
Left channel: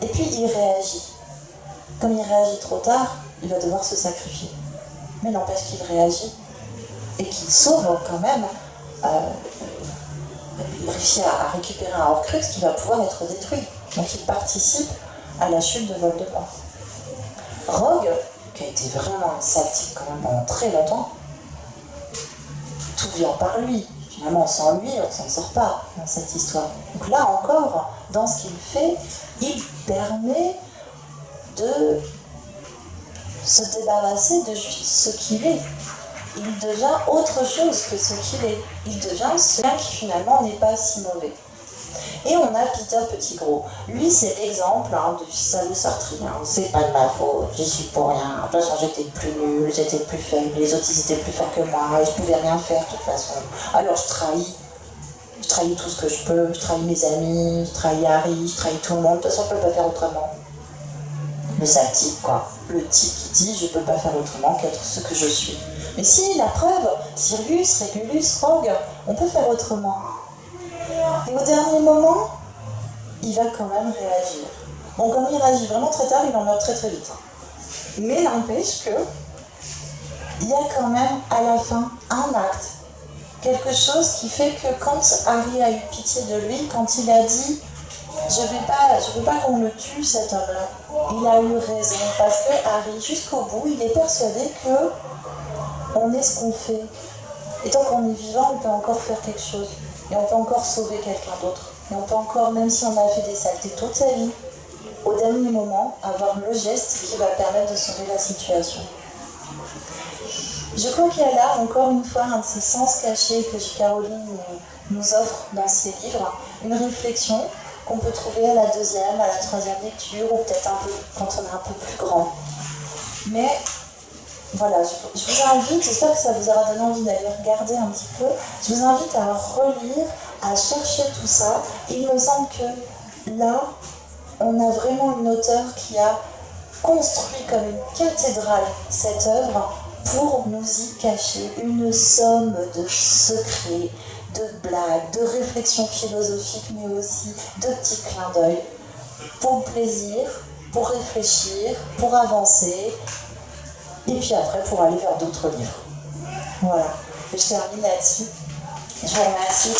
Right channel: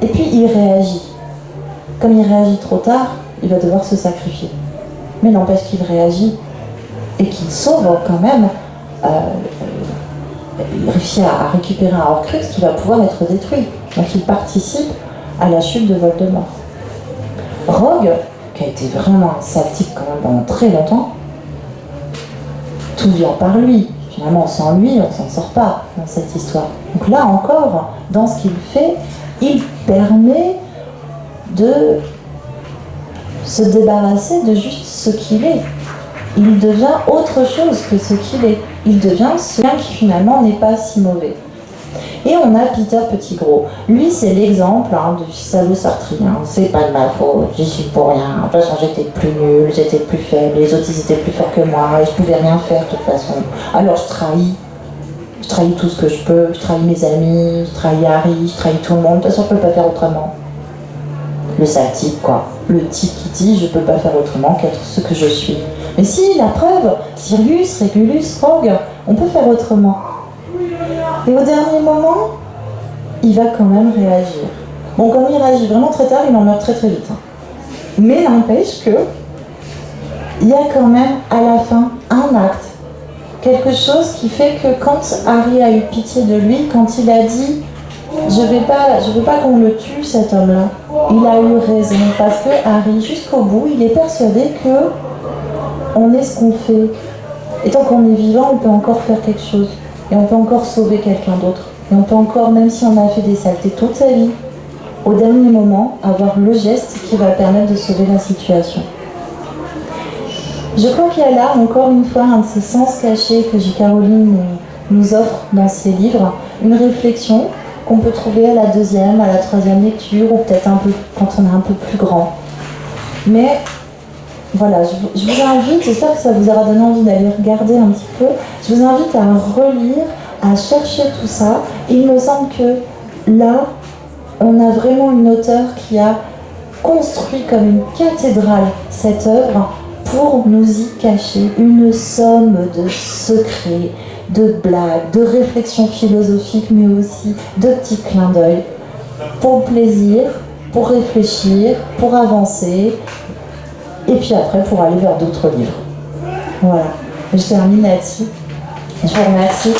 Et puis, il réagit. Comme il réagit trop tard, il va devoir se sacrifier. Mais n'empêche qu'il réagit et qu'il sauve quand même. Il réussit à récupérer un Horcrux qui va pouvoir être détruit. Donc il participe à la chute de Voldemort. Rogue, qui a été vraiment un sale type quand même pendant très longtemps, tout vient par lui. Finalement, sans lui, on ne s'en sort pas dans cette histoire. Donc là encore, dans ce qu'il fait, il permet de se débarrasser de juste ce qu'il est. Il devient autre chose que ce qu'il est. Il devient celui qui finalement n'est pas si mauvais. Et on a Peter Pettigrew. Lui, c'est l'exemple du salaud sartrien. C'est pas de ma faute, j'y suis pour rien. De toute façon, j'étais plus nulle, j'étais plus faible, les autres ils étaient plus forts que moi, et je pouvais rien faire de toute façon. Alors je trahis. Je trahis tout ce que je peux, je trahis mes amis, je trahis Harry, je trahis tout le monde. De toute façon, je peux pas faire autrement. Le sale type, quoi. Le type qui dit je peux pas faire autrement qu'être ce que je suis. Mais si, la preuve, Sirius, Régulus, Rogue, on peut faire autrement. Et au dernier moment, il va quand même réagir. Bon, comme il réagit vraiment très tard, il en meurt très très vite. Mais n'empêche que il y a quand même à la fin un acte. Quelque chose qui fait que quand Harry a eu pitié de lui, quand il a dit je veux pas qu'on le tue cet homme-là, il a eu raison. Parce que Harry, jusqu'au bout, il est persuadé que on est ce qu'on fait. Et tant qu'on est vivant, on peut encore faire quelque chose. Et on peut encore sauver quelqu'un d'autre. Et on peut encore, même si on a fait des saletés toute sa vie, au dernier moment, avoir le geste qui va permettre de sauver la situation. Je crois qu'il y a là, encore une fois, un de ces sens cachés que J.K. Rowling nous offre dans ses livres. Une réflexion qu'on peut trouver à la 2e, à la 3e lecture, ou peut-être un peu quand on est un peu plus grand. Mais voilà, je vous invite, j'espère que ça vous aura donné envie d'aller regarder un petit peu, je vous invite à relire, à chercher tout ça. Il me semble que là, on a vraiment une auteure qui a construit comme une cathédrale cette œuvre pour nous y cacher une somme de secrets, de blagues, de réflexions philosophiques, mais aussi de petits clins d'œil, pour plaisir, pour réfléchir, pour avancer, et puis après pour aller vers d'autres livres. Voilà, je termine là-dessus. Je vous remercie.